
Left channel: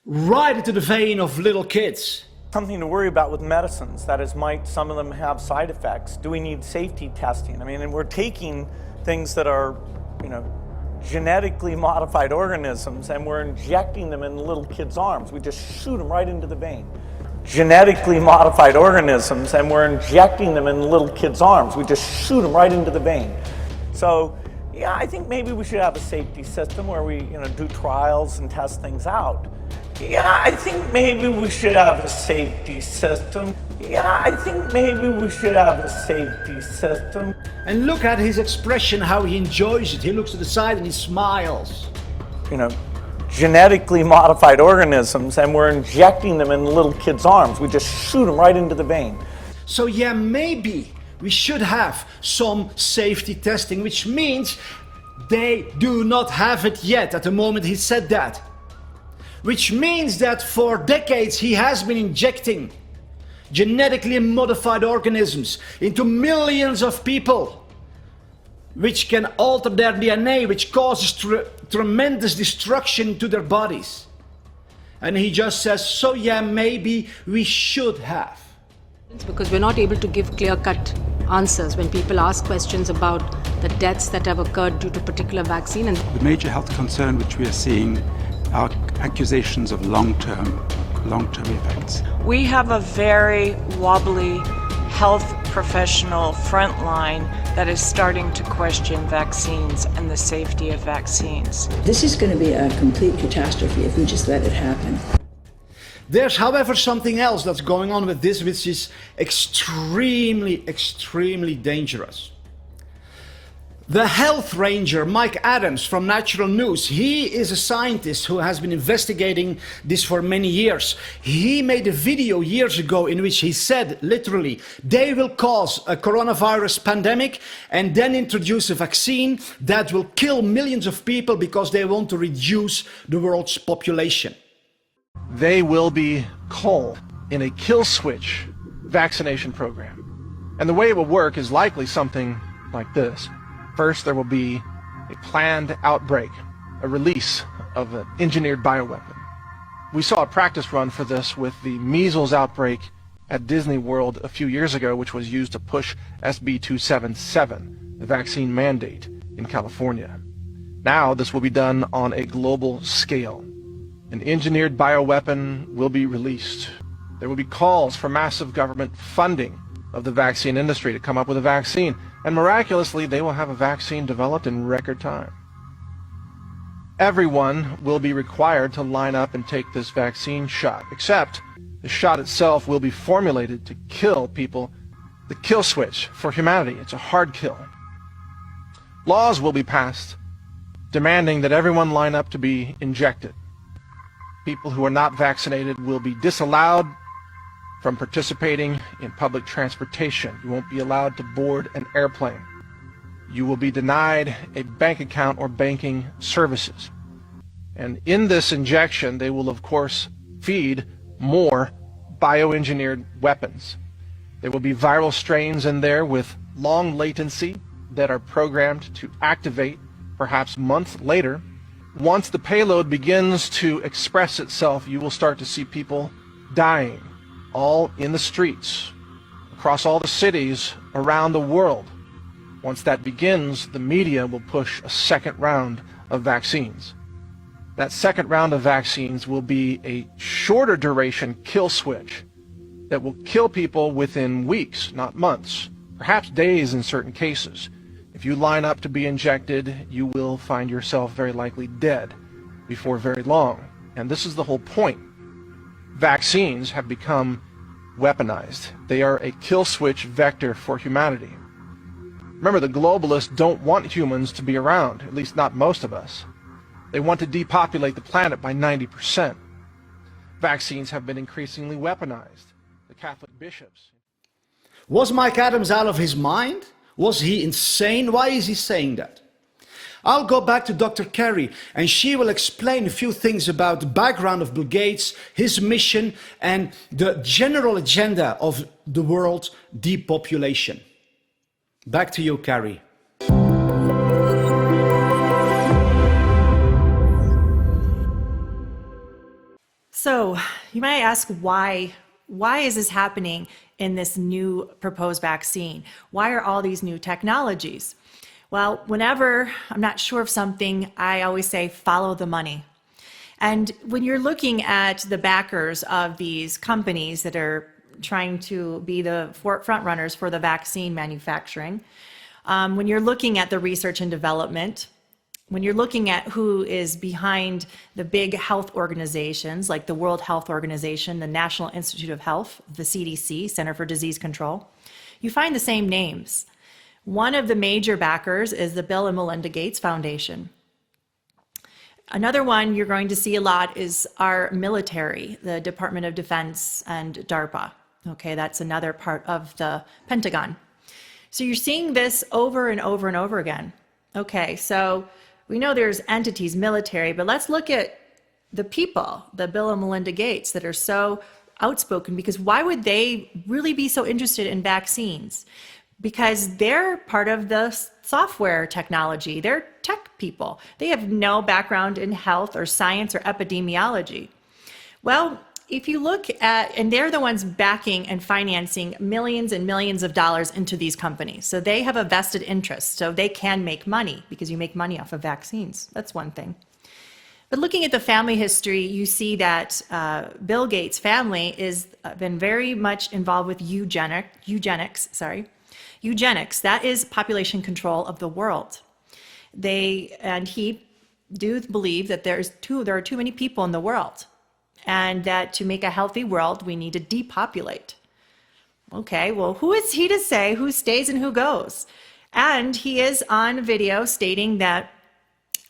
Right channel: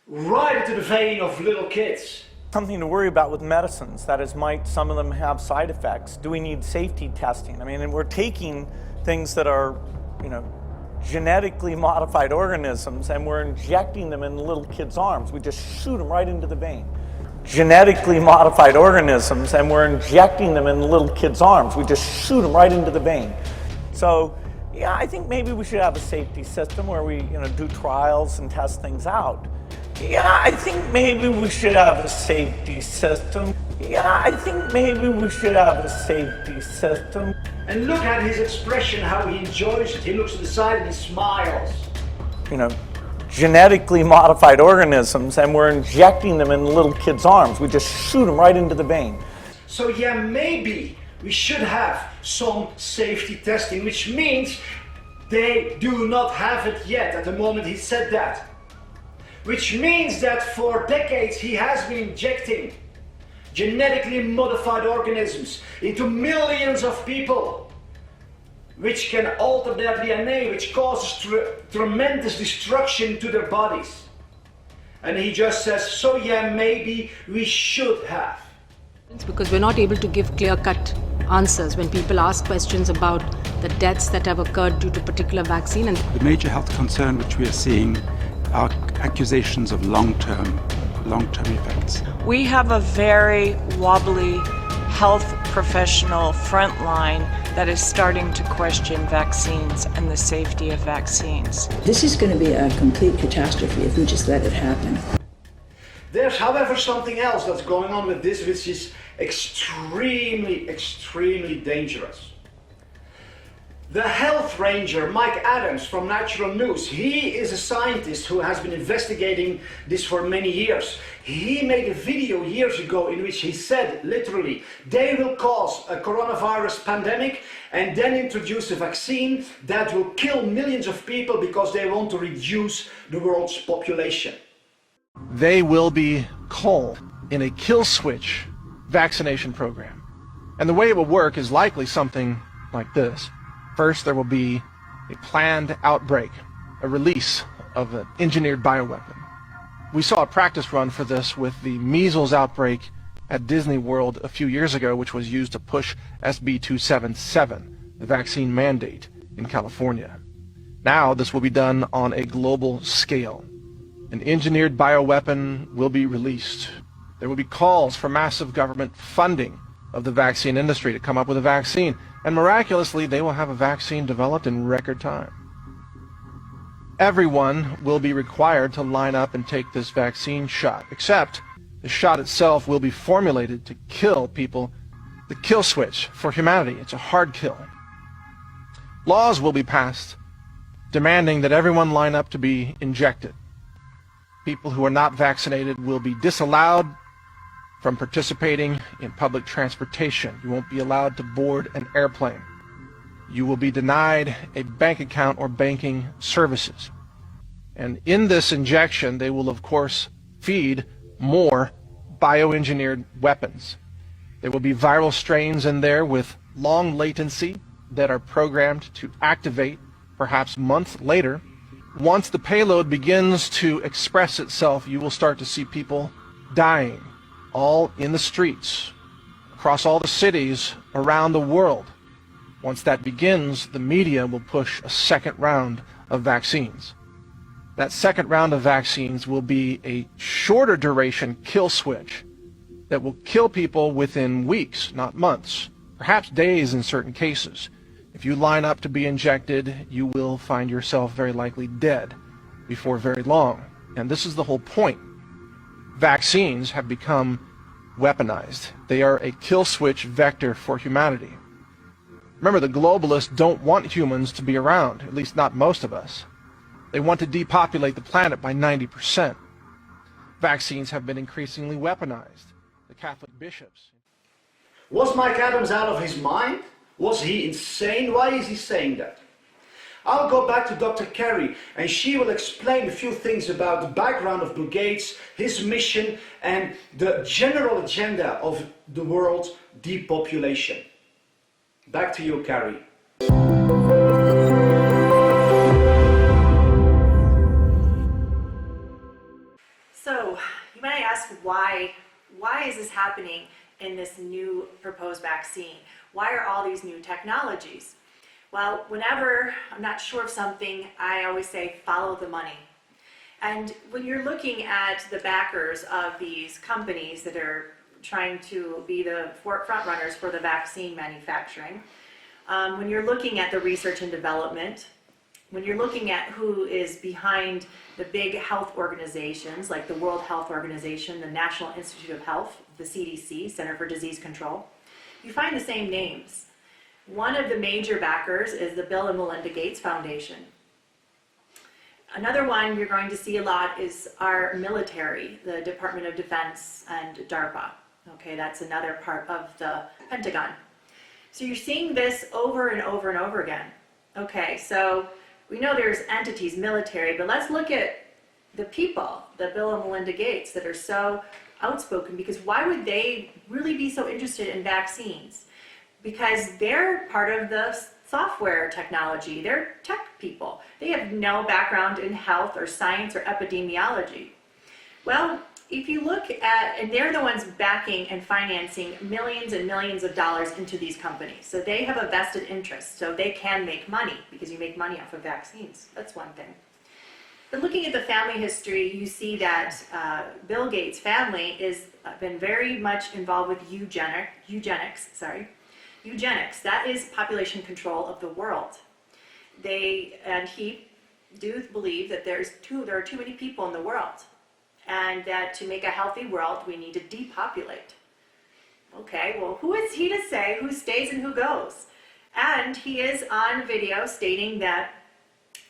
right into the vein of little kids. Something to worry about with medicines, that is, might some of them have side effects? Do we need safety testing? I mean, and we're taking things that are, genetically modified organisms and we're injecting them in little kids' arms. We just shoot them right into the vein. Genetically modified organisms and we're injecting them in little kids' arms. We just shoot them right into the vein. So, yeah, I think maybe we should have a safety system where we, do trials and test things out. Yeah, I think maybe we should have a safety system. Yeah, I think maybe we should have a safety system. And look at his expression, how he enjoys it. He looks to the side and he smiles. Genetically modified organisms and we're injecting them in little kids' arms. We just shoot them right into the vein. So yeah, maybe we should have some safety testing, which means they do not have it yet at the moment he said that. Which means that for decades he has been injecting genetically modified organisms into millions of people, which can alter their DNA, which causes tremendous destruction to their bodies. And he just says, so yeah, maybe we should have. Because we're not able to give clear-cut answers when people ask questions about the deaths that have occurred due to particular vaccine. And the major health concern which we are seeing are accusations of long-term effects. We have a very wobbly health professional front line that is starting to question vaccines and the safety of vaccines. This is going to be a complete catastrophe if we just let it happen. There's, however, something else that's going on with this, which is extremely dangerous. The health ranger, Mike Adams from Natural News, he is a scientist who has been investigating this for many years. He made a video years ago in which he said, literally, they will cause a coronavirus pandemic and then introduce a vaccine that will kill millions of people because they want to reduce the world's population. They will be called in a kill switch vaccination program. And the way it will work is likely something like this. First, there will be a planned outbreak, a release of an engineered bioweapon. We saw a practice run for this with the measles outbreak at Disney World a few years ago, which was used to push SB 277, the vaccine mandate in California. Now this will be done on a global scale. An engineered bioweapon will be released. There will be calls for massive government funding of the vaccine industry to come up with a vaccine, and miraculously they will have a vaccine developed in record time. Everyone will be required to line up and take this vaccine shot, except the shot itself will be formulated to kill people, the kill switch for humanity. It's a hard kill. Laws will be passed demanding that everyone line up to be injected. People who are not vaccinated will be disallowed from participating in public transportation. You won't be allowed to board an airplane. You will be denied a bank account or banking services. And in this injection, they will, of course, feed more bioengineered weapons. There will be viral strains in there with long latency that are programmed to activate perhaps months later. Once the payload begins to express itself, you will start to see people dying, all in the streets, across all the cities around the world. Once that begins, the media will push a second round of vaccines. That second round of vaccines will be a shorter duration kill switch that will kill people within weeks, not months, perhaps days in certain cases. If you line up to be injected, you will find yourself very likely dead before very long. And this is the whole point. Vaccines have become weaponized. They are a kill switch vector for humanity. Remember, the globalists don't want humans to be around, at least not most of us. They want to depopulate the planet by 90%. Vaccines have been increasingly weaponized. The Catholic bishops. Was Mike Adams out of his mind? Was he insane? Why is he saying that? I'll go back to Dr. Carrie, and she will explain a few things about the background of Bill Gates, his mission, and the general agenda of the world depopulation. Back to you, Carrie. So you might ask why is this happening in this new proposed vaccine? Why are all these new technologies? Well, whenever I'm not sure of something, I always say follow the money. And when you're looking at the backers of these companies that are trying to be the front runners for the vaccine manufacturing, when you're looking at the research and development, when you're looking at who is behind the big health organizations like the World Health Organization, the National Institute of Health, the CDC, Center for Disease Control, you find the same names. One of the major backers is the Bill and Melinda Gates Foundation. Another one you're going to see a lot is our military, the Department of Defense and DARPA. Okay, that's another part of the Pentagon. So you're seeing this over and over and over again. Okay, so we know there's entities, military, but let's look at the people, the Bill and Melinda Gates, that are so outspoken, because why would they really be so interested in vaccines? Because they're part of the software technology. They're tech people. They have no background in health or science or epidemiology. Well, if you look at, and they're the ones backing and financing millions and millions of dollars into these companies. So they have a vested interest. So they can make money because you make money off of vaccines. That's one thing. But looking at the family history, you see that Bill Gates' family has been very much involved with eugenics. Eugenics, that is population control of the world. He do believe that there are too many people in the world, and that to make a healthy world, we need to depopulate. Okay, well, who is he to say who stays and who goes? And he is on video stating that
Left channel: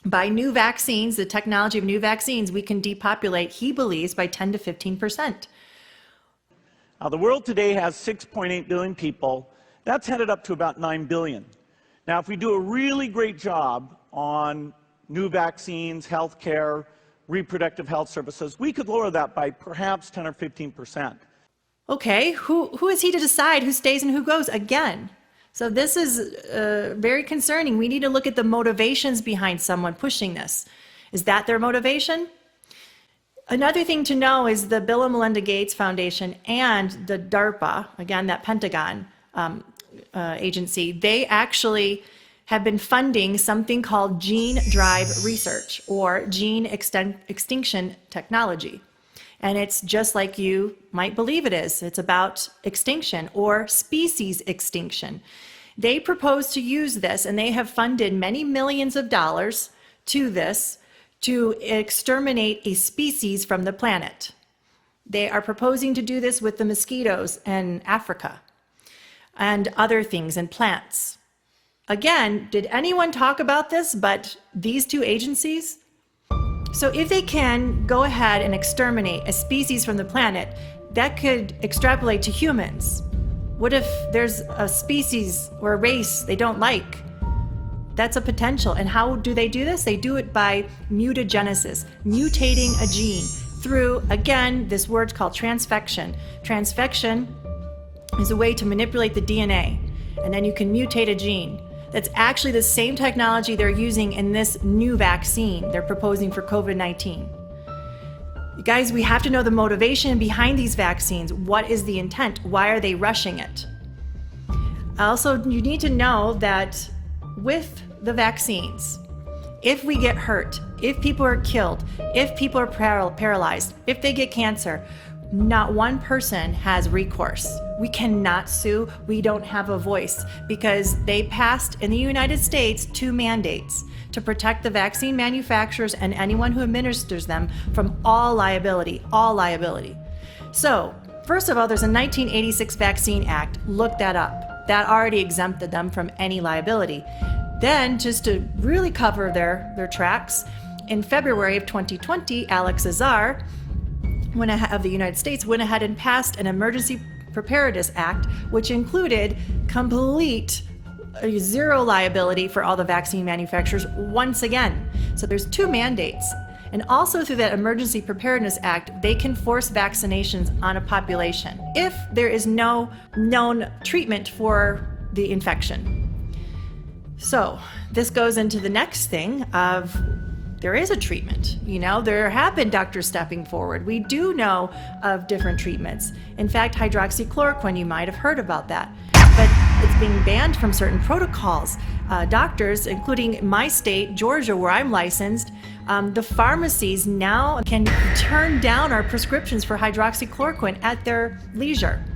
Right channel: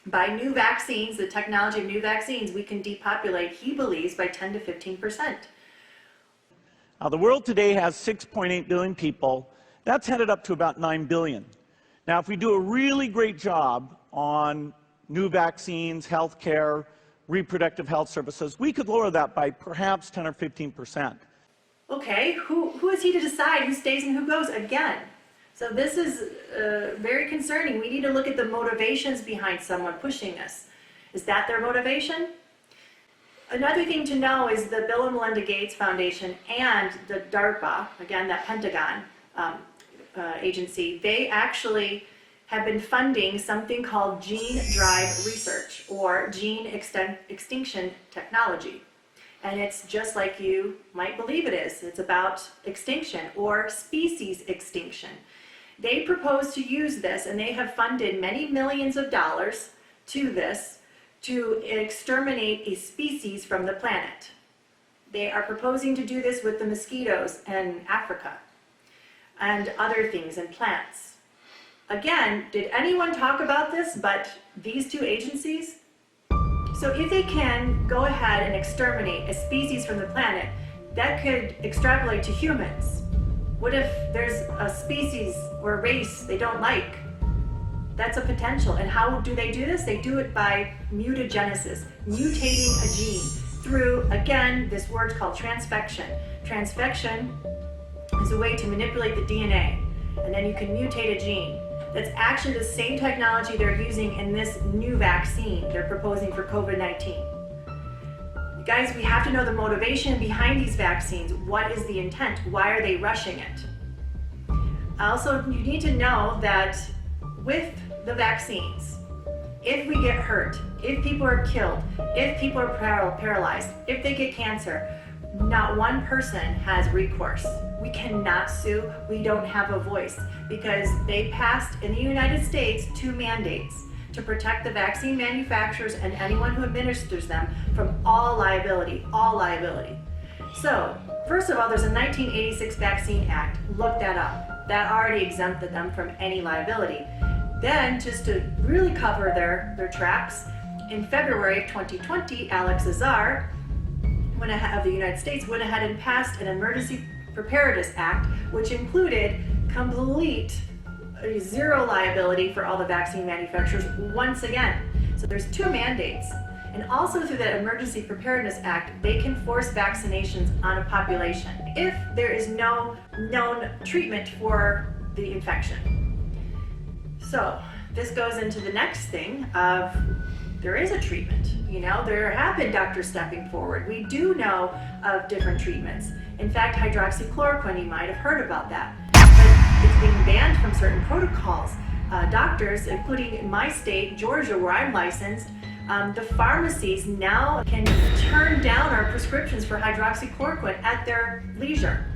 by new vaccines, the technology of new vaccines, we can depopulate, he believes, by 10 to 15%. Now, the world today has 6.8 billion people. That's headed up to about 9 billion. Now, if we do a really great job on new vaccines, healthcare, reproductive health services, we could lower that by perhaps 10 or 15%. Okay, who is he to decide who stays and who goes again? So this is very concerning. We need to look at the motivations behind someone pushing this. Is that their motivation? Another thing to know is the Bill and Melinda Gates Foundation and the DARPA, again, that Pentagon agency, they actually have been funding something called gene drive research or gene extinction technology. And it's just like you might believe it is. It's about extinction or species extinction. They propose to use this, and they have funded many millions of dollars to this to exterminate a species from the planet. They are proposing to do this with the mosquitoes in Africa and other things and plants. Again, did anyone talk about this but these two agencies? So if they can go ahead and exterminate a species from the planet, that could extrapolate to humans. What if there's a species or a race they don't like? That's a potential. And how do they do this? They do it by mutagenesis, mutating a gene through, again, this word called transfection. Transfection is a way to manipulate the DNA, and then you can mutate a gene. That's actually the same technology they're using in this new vaccine they're proposing for COVID-19. Guys, we have to know the motivation behind these vaccines. What is the intent? Why are they rushing it? Also, you need to know that with the vaccines, if we get hurt, if people are killed, if people are paralyzed, if they get cancer, not one person has recourse. We cannot sue. We don't have a voice because they passed in the United States 2 mandates to protect the vaccine manufacturers and anyone who administers them from all liability, So, first of all, there's a 1986 Vaccine Act. Look that up. That already exempted them from any liability. Then, just to really cover their tracks, in February of 2020, Alex Azar of the United States went ahead and passed an Emergency Preparedness Act, which included complete zero liability for all the vaccine manufacturers once again. So there's 2 mandates. And also through that Emergency Preparedness Act, they can force vaccinations on a population if there is no known treatment for the infection. So this goes into the next thing of there is a treatment. There have been doctors stepping forward. We do know of different treatments. In fact, hydroxychloroquine, you might have heard about that. But it's being banned from certain protocols. Doctors, including my state, Georgia, where I'm licensed, the pharmacies now can turn down our prescriptions for hydroxychloroquine at their leisure.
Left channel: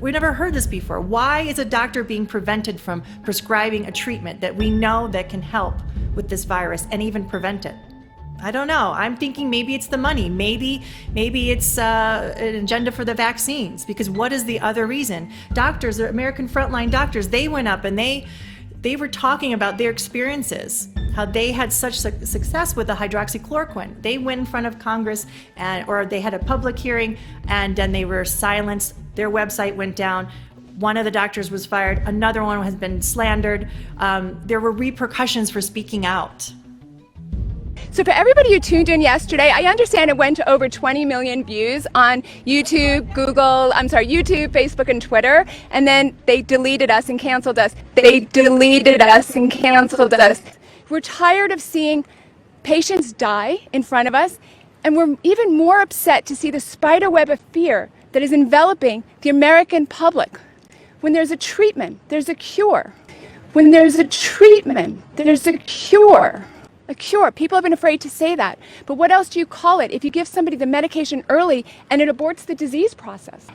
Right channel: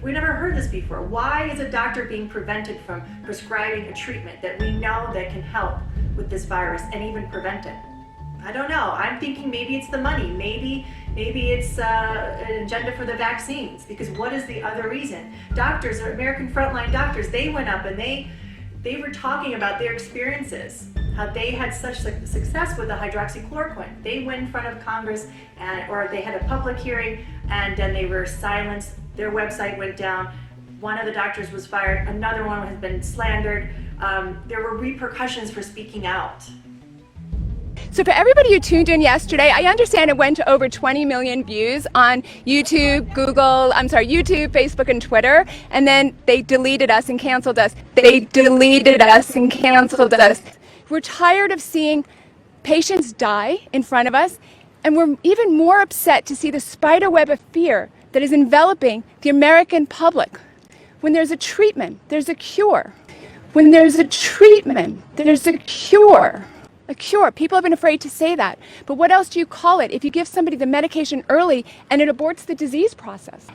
We never heard this before. Why is a doctor being prevented from prescribing a treatment that we know that can help with this virus and even prevent it? I don't know. I'm thinking maybe it's the money. Maybe it's an agenda for the vaccines. Because what is the other reason? Doctors, the American frontline doctors, they went up and they were talking about their experiences, how they had such success with the hydroxychloroquine. They went in front of Congress or they had a public hearing and then they were silenced. Their website went down. One of the doctors was fired. Another one has been slandered. There were repercussions for speaking out. So for everybody who tuned in yesterday, I understand it went to over 20 million views on YouTube, YouTube, Facebook, and Twitter, and then they deleted us and canceled us. We're tired of seeing patients die in front of us, and we're even more upset to see the spider web of fear that is enveloping the American public. When there's a treatment, there's a cure. When there's a treatment, there's a cure. A cure. People have been afraid to say that. But what else do you call it if you give somebody the medication early and it aborts the disease process?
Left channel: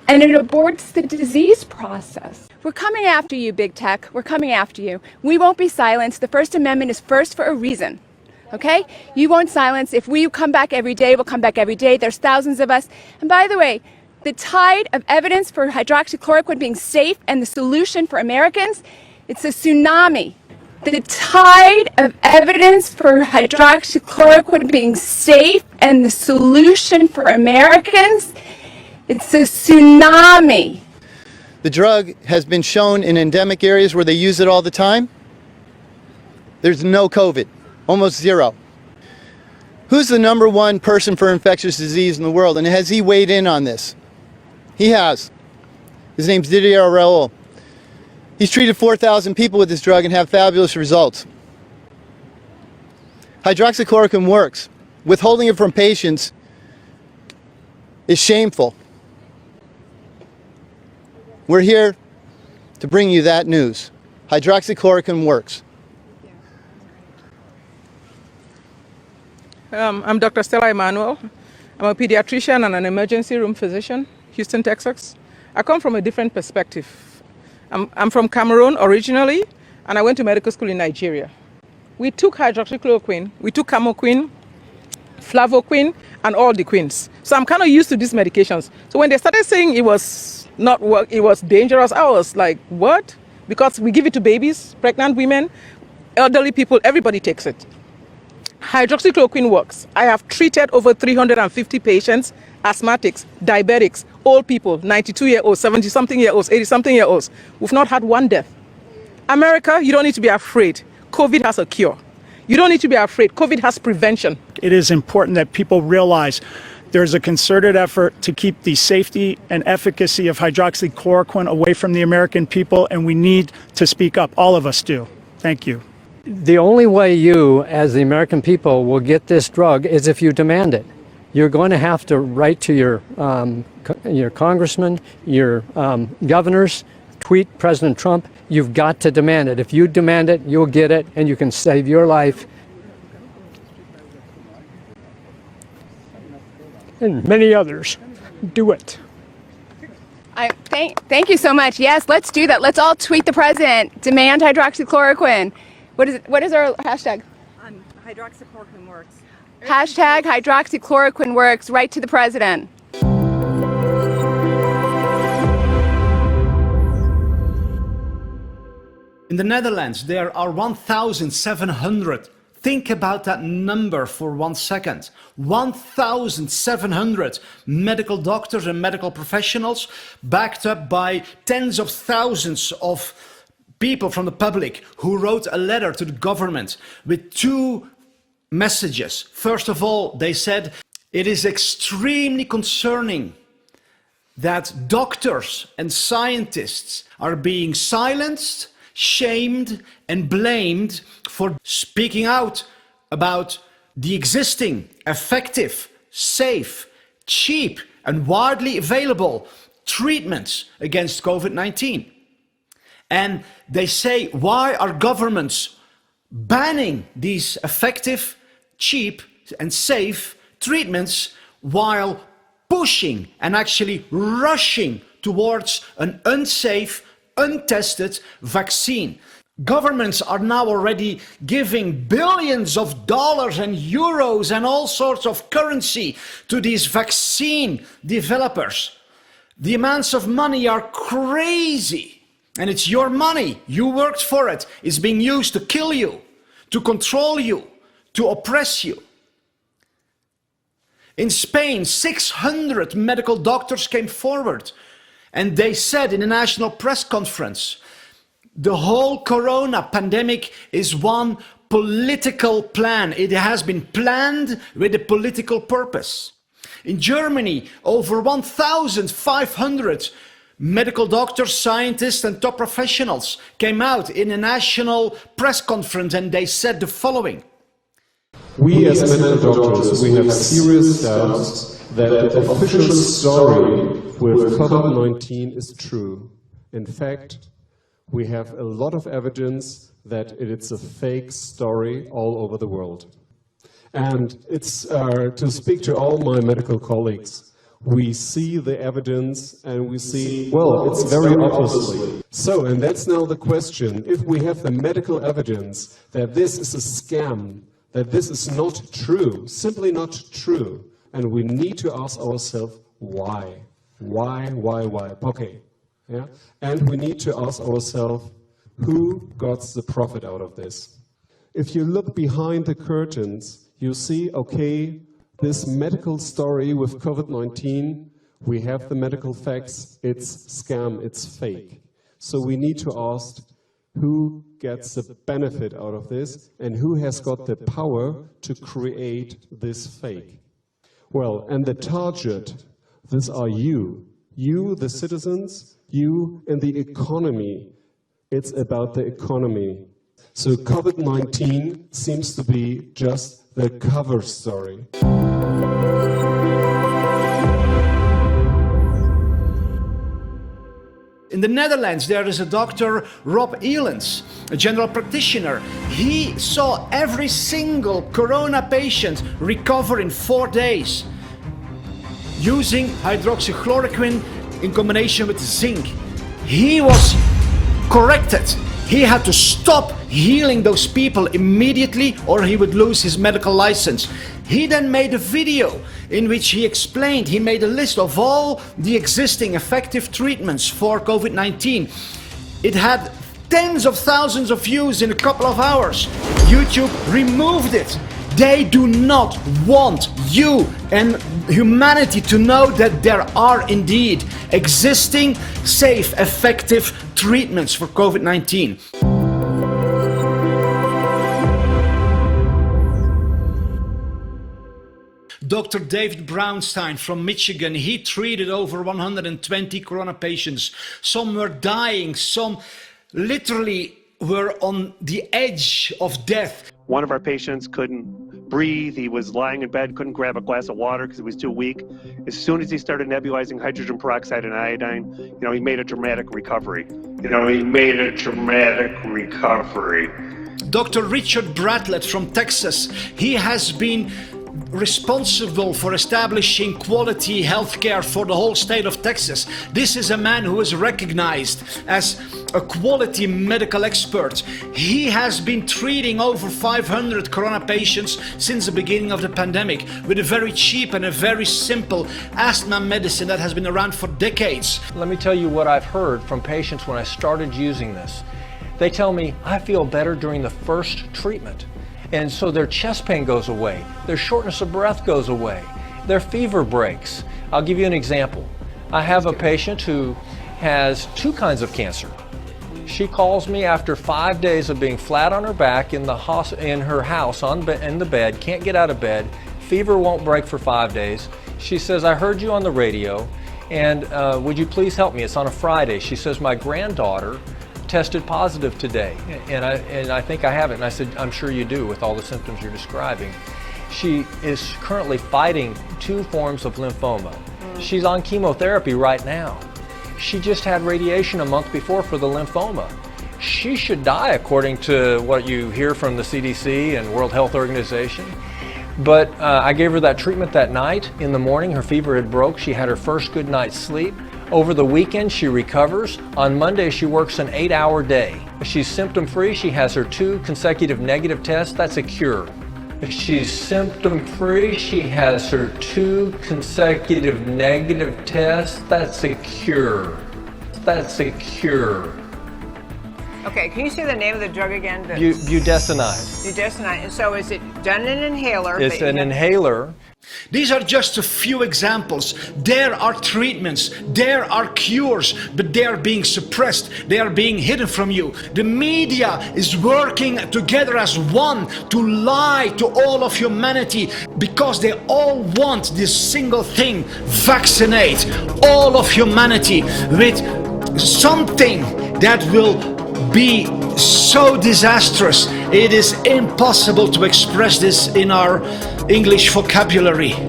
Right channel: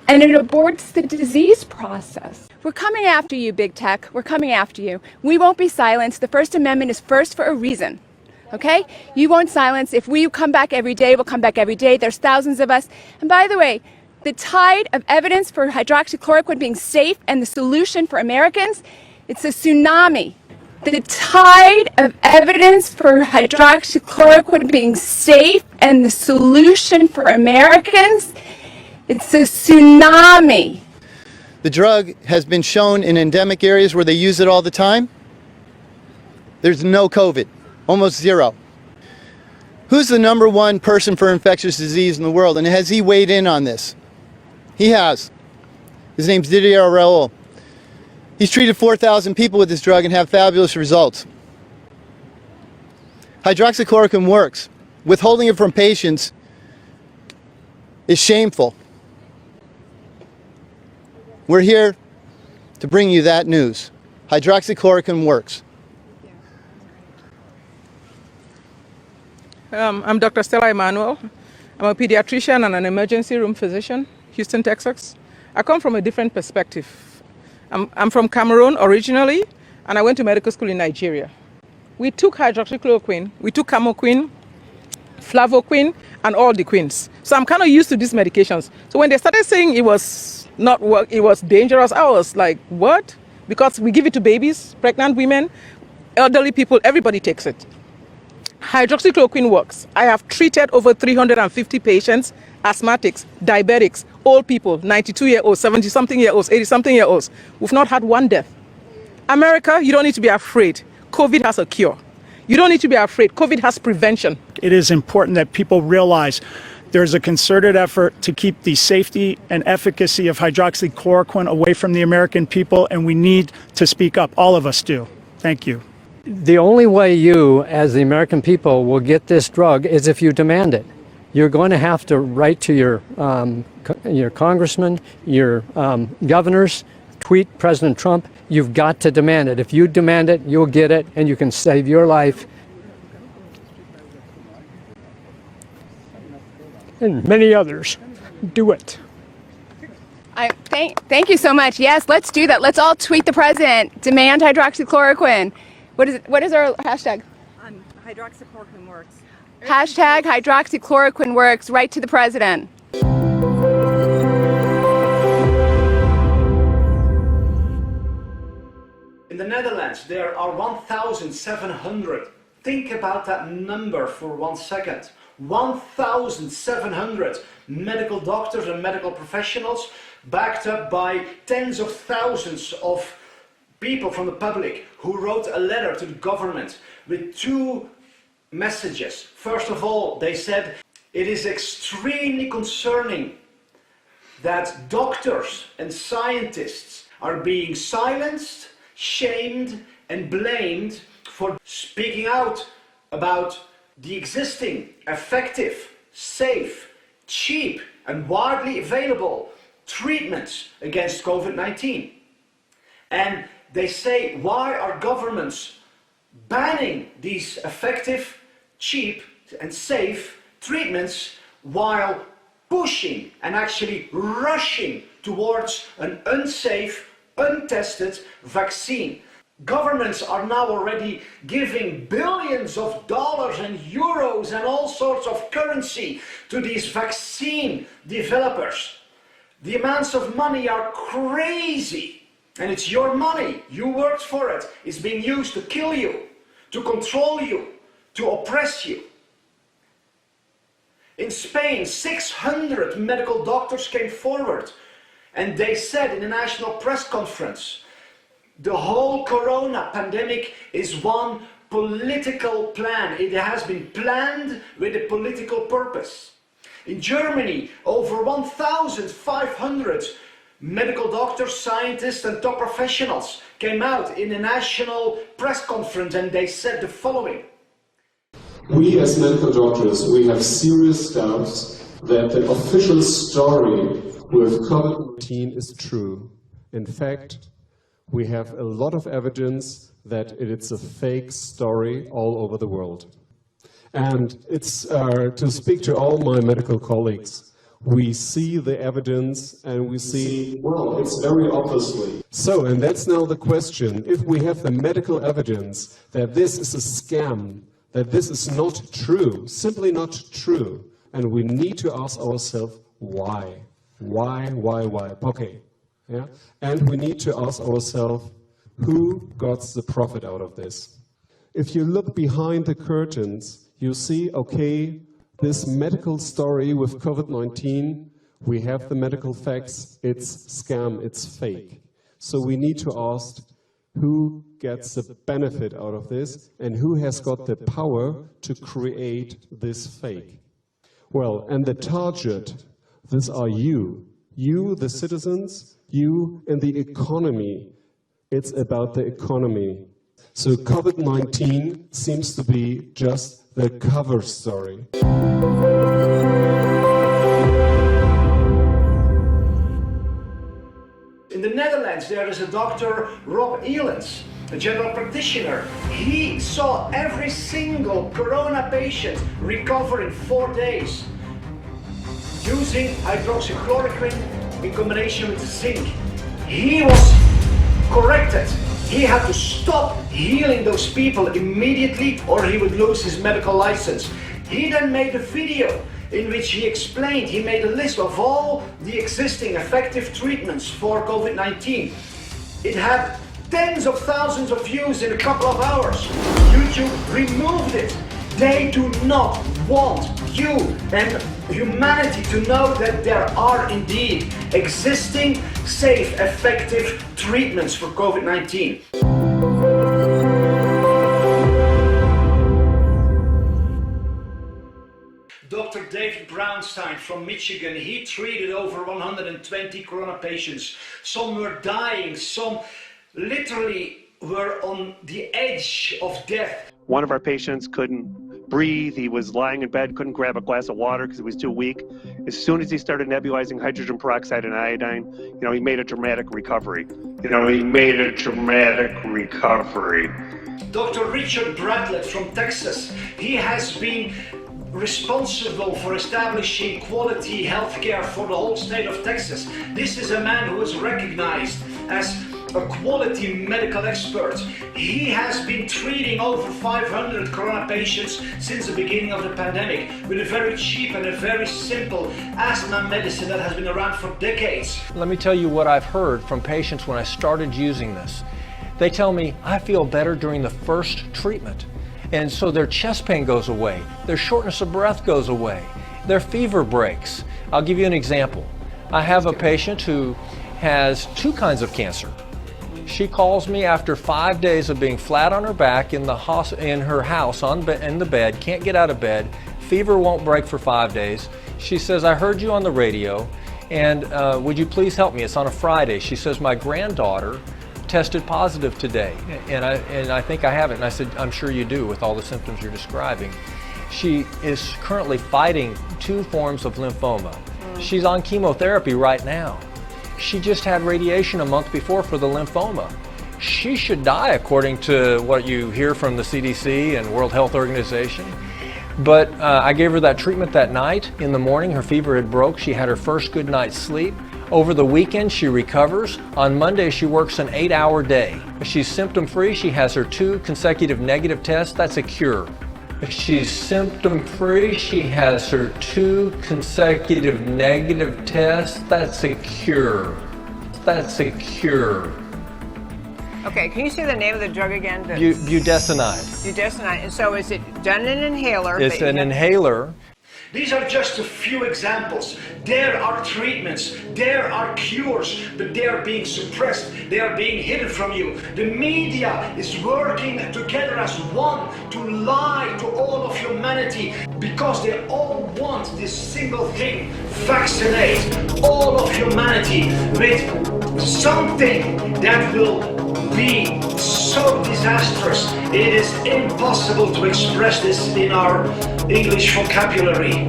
We're coming after you, big tech. We're coming after you. We won't be silenced. The First Amendment is first for a reason. Okay? You won't silence. If we come back every day, we'll come back every day. There's thousands of us. And by the way, the tide of evidence for hydroxychloroquine being safe and the solution for Americans, it's a tsunami. The tide of evidence for hydroxychloroquine being safe and the solution for Americans, it's a tsunami. The drug has been shown in endemic areas where they use it all the time. There's no COVID, almost zero. Who's the #1 person for infectious disease in the world? And has he weighed in on this? He has. His name's Didier Raoult. He's treated 4,000 people with this drug and have fabulous results. Hydroxychloroquine works. Withholding it from patients is shameful. We're here to bring you that news. Hydroxychloroquine works. I'm Dr. Stella Emanuel. I'm a pediatrician and an emergency room physician, Houston, Texas. I come from a different perspective. I'm from Cameroon originally, and I went to medical school in Nigeria. We took hydroxychloroquine, we took camoquine, flavoquine, and all the quins. So I'm kind of used to these medications. So when they started saying it was not work, it was dangerous, I was like, what? Because we give it to babies, pregnant women, elderly people, everybody takes it. Hydroxychloroquine works. I have treated over 350 patients, asthmatics, diabetics, old people, 92-year-olds, 70-something-year-olds, 80-something-year-olds. We've not had one death. America, you don't need to be afraid. COVID has a cure. You don't need to be afraid. COVID has prevention. It is important that people realize there's a concerted effort to keep the safety and efficacy of hydroxychloroquine away from the American people, and we need to speak up. All of us do. Thank you. The only way you, as the American people, will get this drug is if you demand it. You're going to have to write to your congressmen, your governors, tweet President Trump, you've got to demand it. If you demand it, you'll get it, and you can save your life and many others. Do it. Thank you so much. Yes, let's do that. Let's all tweet the president. Demand hydroxychloroquine. What is our hashtag? Hydroxychloroquine works. Hashtag hydroxychloroquine works. Right to the president. In the Netherlands, there are 1,700. Think about that number for 1 second. 1,700 medical doctors and medical professionals, backed up by tens of thousands of people from the public who wrote a letter to the government with 2 messages. First of all, they said, it is extremely concerning that doctors and scientists are being silenced, shamed, and blamed for speaking out about the existing, effective, safe, cheap, and widely available treatments against COVID-19. And they say, why are governments banning these effective, cheap, and safe treatments while pushing and actually rushing towards an unsafe, untested vaccine? Governments are now already giving billions of dollars and euros and all sorts of currency to these vaccine developers. The amounts of money are crazy, and it's your money. You worked for it. It's being used to kill you, to control you, to oppress you. In Spain, 600 medical doctors came forward, and they said in a national press conference, the whole corona pandemic is one political plan. It has been planned with a political purpose. In Germany, over 1,500 medical doctors, scientists, and top professionals came out in a national press conference, and they said the following. We as medical doctors, we have serious doubts that the official story with COVID-19 is true. In fact, we have a lot of evidence that it's a fake story all over the world. And it's to speak to all my medical colleagues, we see the evidence and we see, well, it's very obviously. So, and that's now the question, if we have the medical evidence that this is a scam, that this is not true, simply not true, and we need to ask ourselves, why? Why? Okay. Yeah? And we need to ask ourselves, who got the profit out of this? If you look behind the curtains, you see, okay, this medical story with COVID-19, we have the medical facts, it's scam, it's fake. So we need to ask, who gets the benefit out of this, and who has got the power to create this fake? Well, and the target, these are you, the citizens, you and the economy. It's about the economy. So COVID-19 seems to be just the cover story. In the Netherlands, there is a Dr. Rob Elens, a general practitioner. He saw every single corona patient recover in 4 days using hydroxychloroquine in combination with zinc. He was corrected. He had to stop healing those people immediately or he would lose his medical license. He then made a video in which he explained, he made a list of all the existing effective treatments for COVID-19. It had tens of thousands of views in a couple of hours. YouTube removed it. They do not want you and humanity to know that there are indeed existing, safe, effective treatments for COVID-19. Dr. David Brownstein from Michigan, he treated over 120 corona patients. Some were dying, some literally were on the edge of death. One of our patients couldn't breathe. He was lying in bed, couldn't grab a glass of water because he was too weak. As soon as he started nebulizing hydrogen peroxide and iodine, he made a dramatic recovery. Dr. Richard Bradlett from Texas, he has been responsible for establishing quality healthcare for the whole state of Texas. This is a man who is recognized as a quality medical expert. He has been treating over 500 corona patients since the beginning of the pandemic with a very cheap and a very simple asthma medicine that has been around for decades. Let me tell you what I've heard from patients when I started using this. They tell me, I feel better during the first treatment. And so their chest pain goes away, their shortness of breath goes away, their fever breaks. I'll give you an example. I have a patient who has 2 kinds of cancer. She calls me after 5 days of being flat on her back in her house in the bed, can't get out of bed, fever won't break for 5 days. She says, I heard you on the radio, and would you please help me? It's on a Friday. She says, my granddaughter tested positive today, and I think I have it. And I said, I'm sure you do with all the symptoms you're describing. She is currently fighting 2 forms of lymphoma. She's on chemotherapy right now. She just had radiation a month before for the lymphoma. She should die according to what you hear from the CDC and World Health Organization. But I gave her that treatment that night. In the morning, her fever had broke. She had her first good night's sleep. Over the weekend, she recovers. On Monday, she works an 8-hour day. She's symptom-free. She has her 2 consecutive negative tests. That's a cure. She's symptom-free. She has her 2 consecutive negative tests. That's a cure. That's a cure. Okay, can you say the name of the drug again? Budesonide. Budesonide. And so is it done in an inhaler? It's an inhaler. These are just a few examples. There are treatments, there are cures, but they are being suppressed, they are being hidden from you. The media is working together as one to lie to all of humanity because they all want this single thing: vaccinate all of humanity with something that will be so disastrous. It is impossible to express this in our English vocabulary.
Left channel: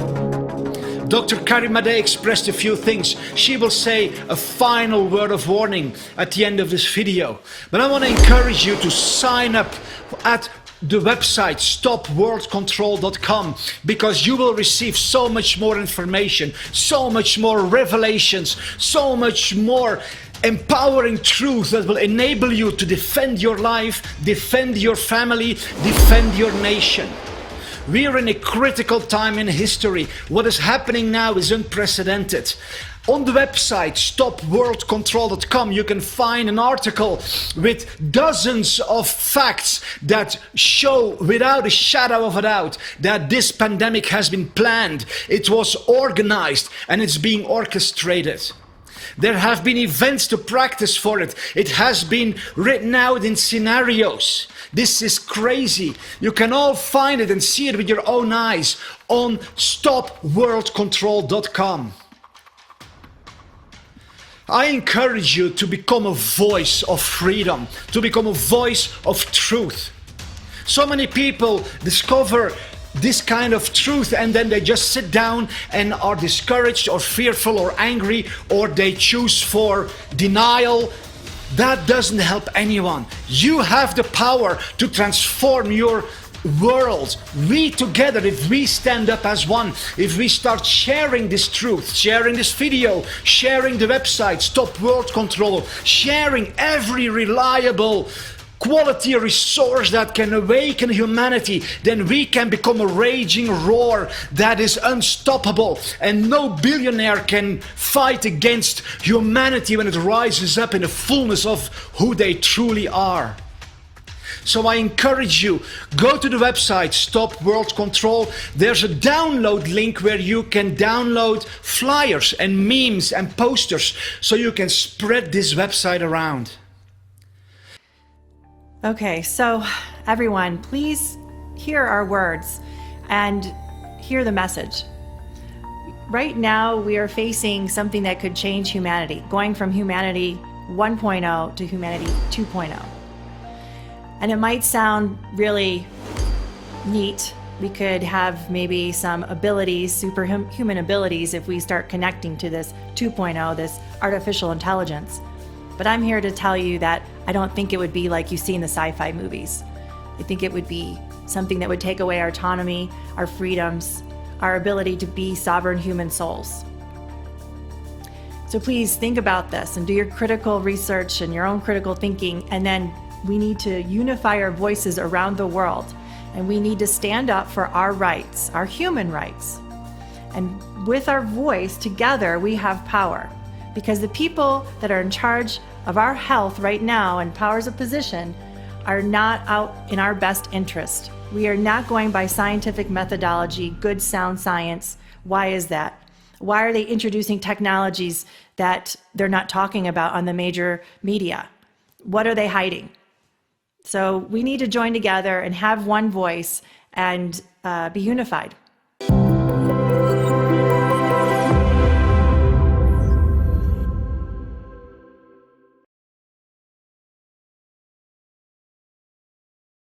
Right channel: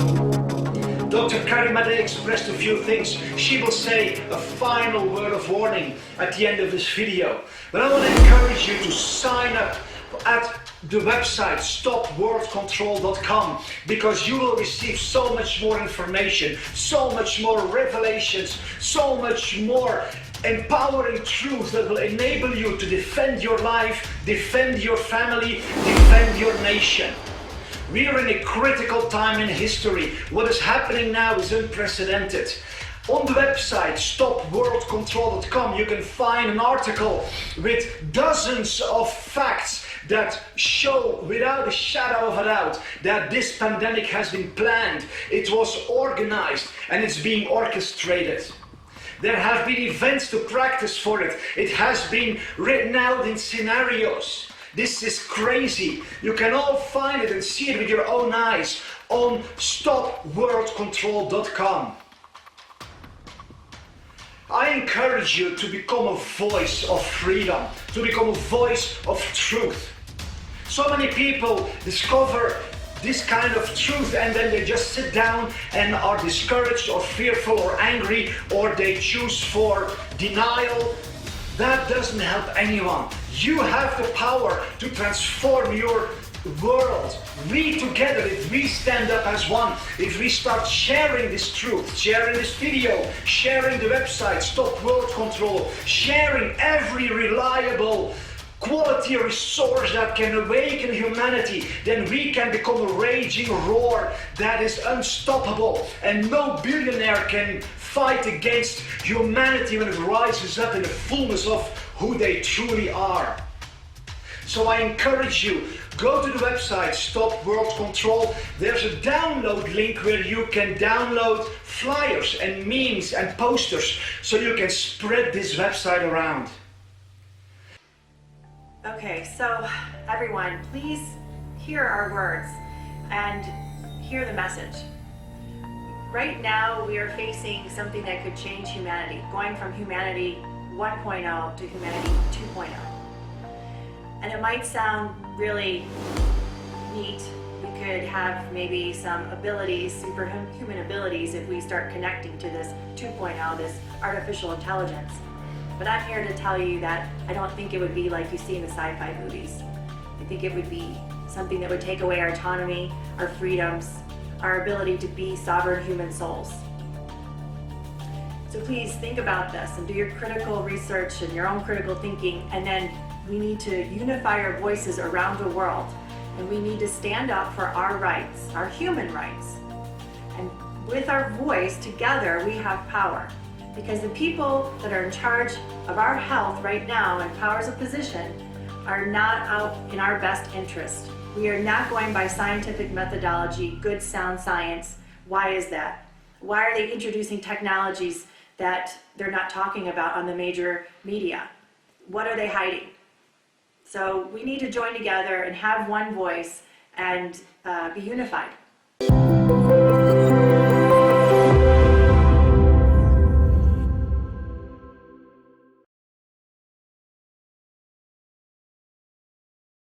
Dr. Carrie Madej expressed a few things. She will say a final word of warning at the end of this video. But I want to encourage you to sign up at the website stopworldcontrol.com, because you will receive so much more information, so much more revelations, so much more empowering truth that will enable you to defend your life, defend your family, defend your nation. We are in a critical time in history. What is happening now is unprecedented. On the website stopworldcontrol.com you can find an article with dozens of facts that show without a shadow of a doubt that this pandemic has been planned, it was organized, and it's being orchestrated. There have been events to practice for it. It has been written out in scenarios. This is crazy. You can all find it and see it with your own eyes on stopworldcontrol.com. I encourage you to become a voice of freedom, to become a voice of truth. So many people discover this kind of truth and then they just sit down and are discouraged or fearful or angry, or they choose for denial. That doesn't help anyone. You have the power to transform your world. We together, if we stand up as one, if we start sharing this truth, sharing this video, sharing the website Stop World Control, sharing every reliable quality resource that can awaken humanity, then we can become a raging roar that is unstoppable, and no billionaire can fight against humanity when it rises up in the fullness of who they truly are. So I encourage you, go to the website Stop World Control. There's a download link where you can download flyers and memes and posters so you can spread this website around. Okay, so everyone, please hear our words and hear the message. Right now, we are facing something that could change humanity, going from humanity 1.0 to humanity 2.0. And it might sound really neat We could have maybe some abilities, superhuman abilities, if we start connecting to this 2.0, this artificial intelligence. But I'm here to tell you that I don't think it would be like you see in the sci-fi movies. I think it would be something that would take away our autonomy, our freedoms, our ability to be sovereign human souls. So please think about this and do your critical research and your own critical thinking, and then we need to unify our voices around the world, and we need to stand up for our rights, our human rights. And with our voice together, we have power, because the people that are in charge of our health right now and powers of position are not out in our best interest. We are not going by scientific methodology, good sound science. Why is that? Why are they introducing technologies that they're not talking about on the major media? What are they hiding? So we need to join together and have one voice and be unified.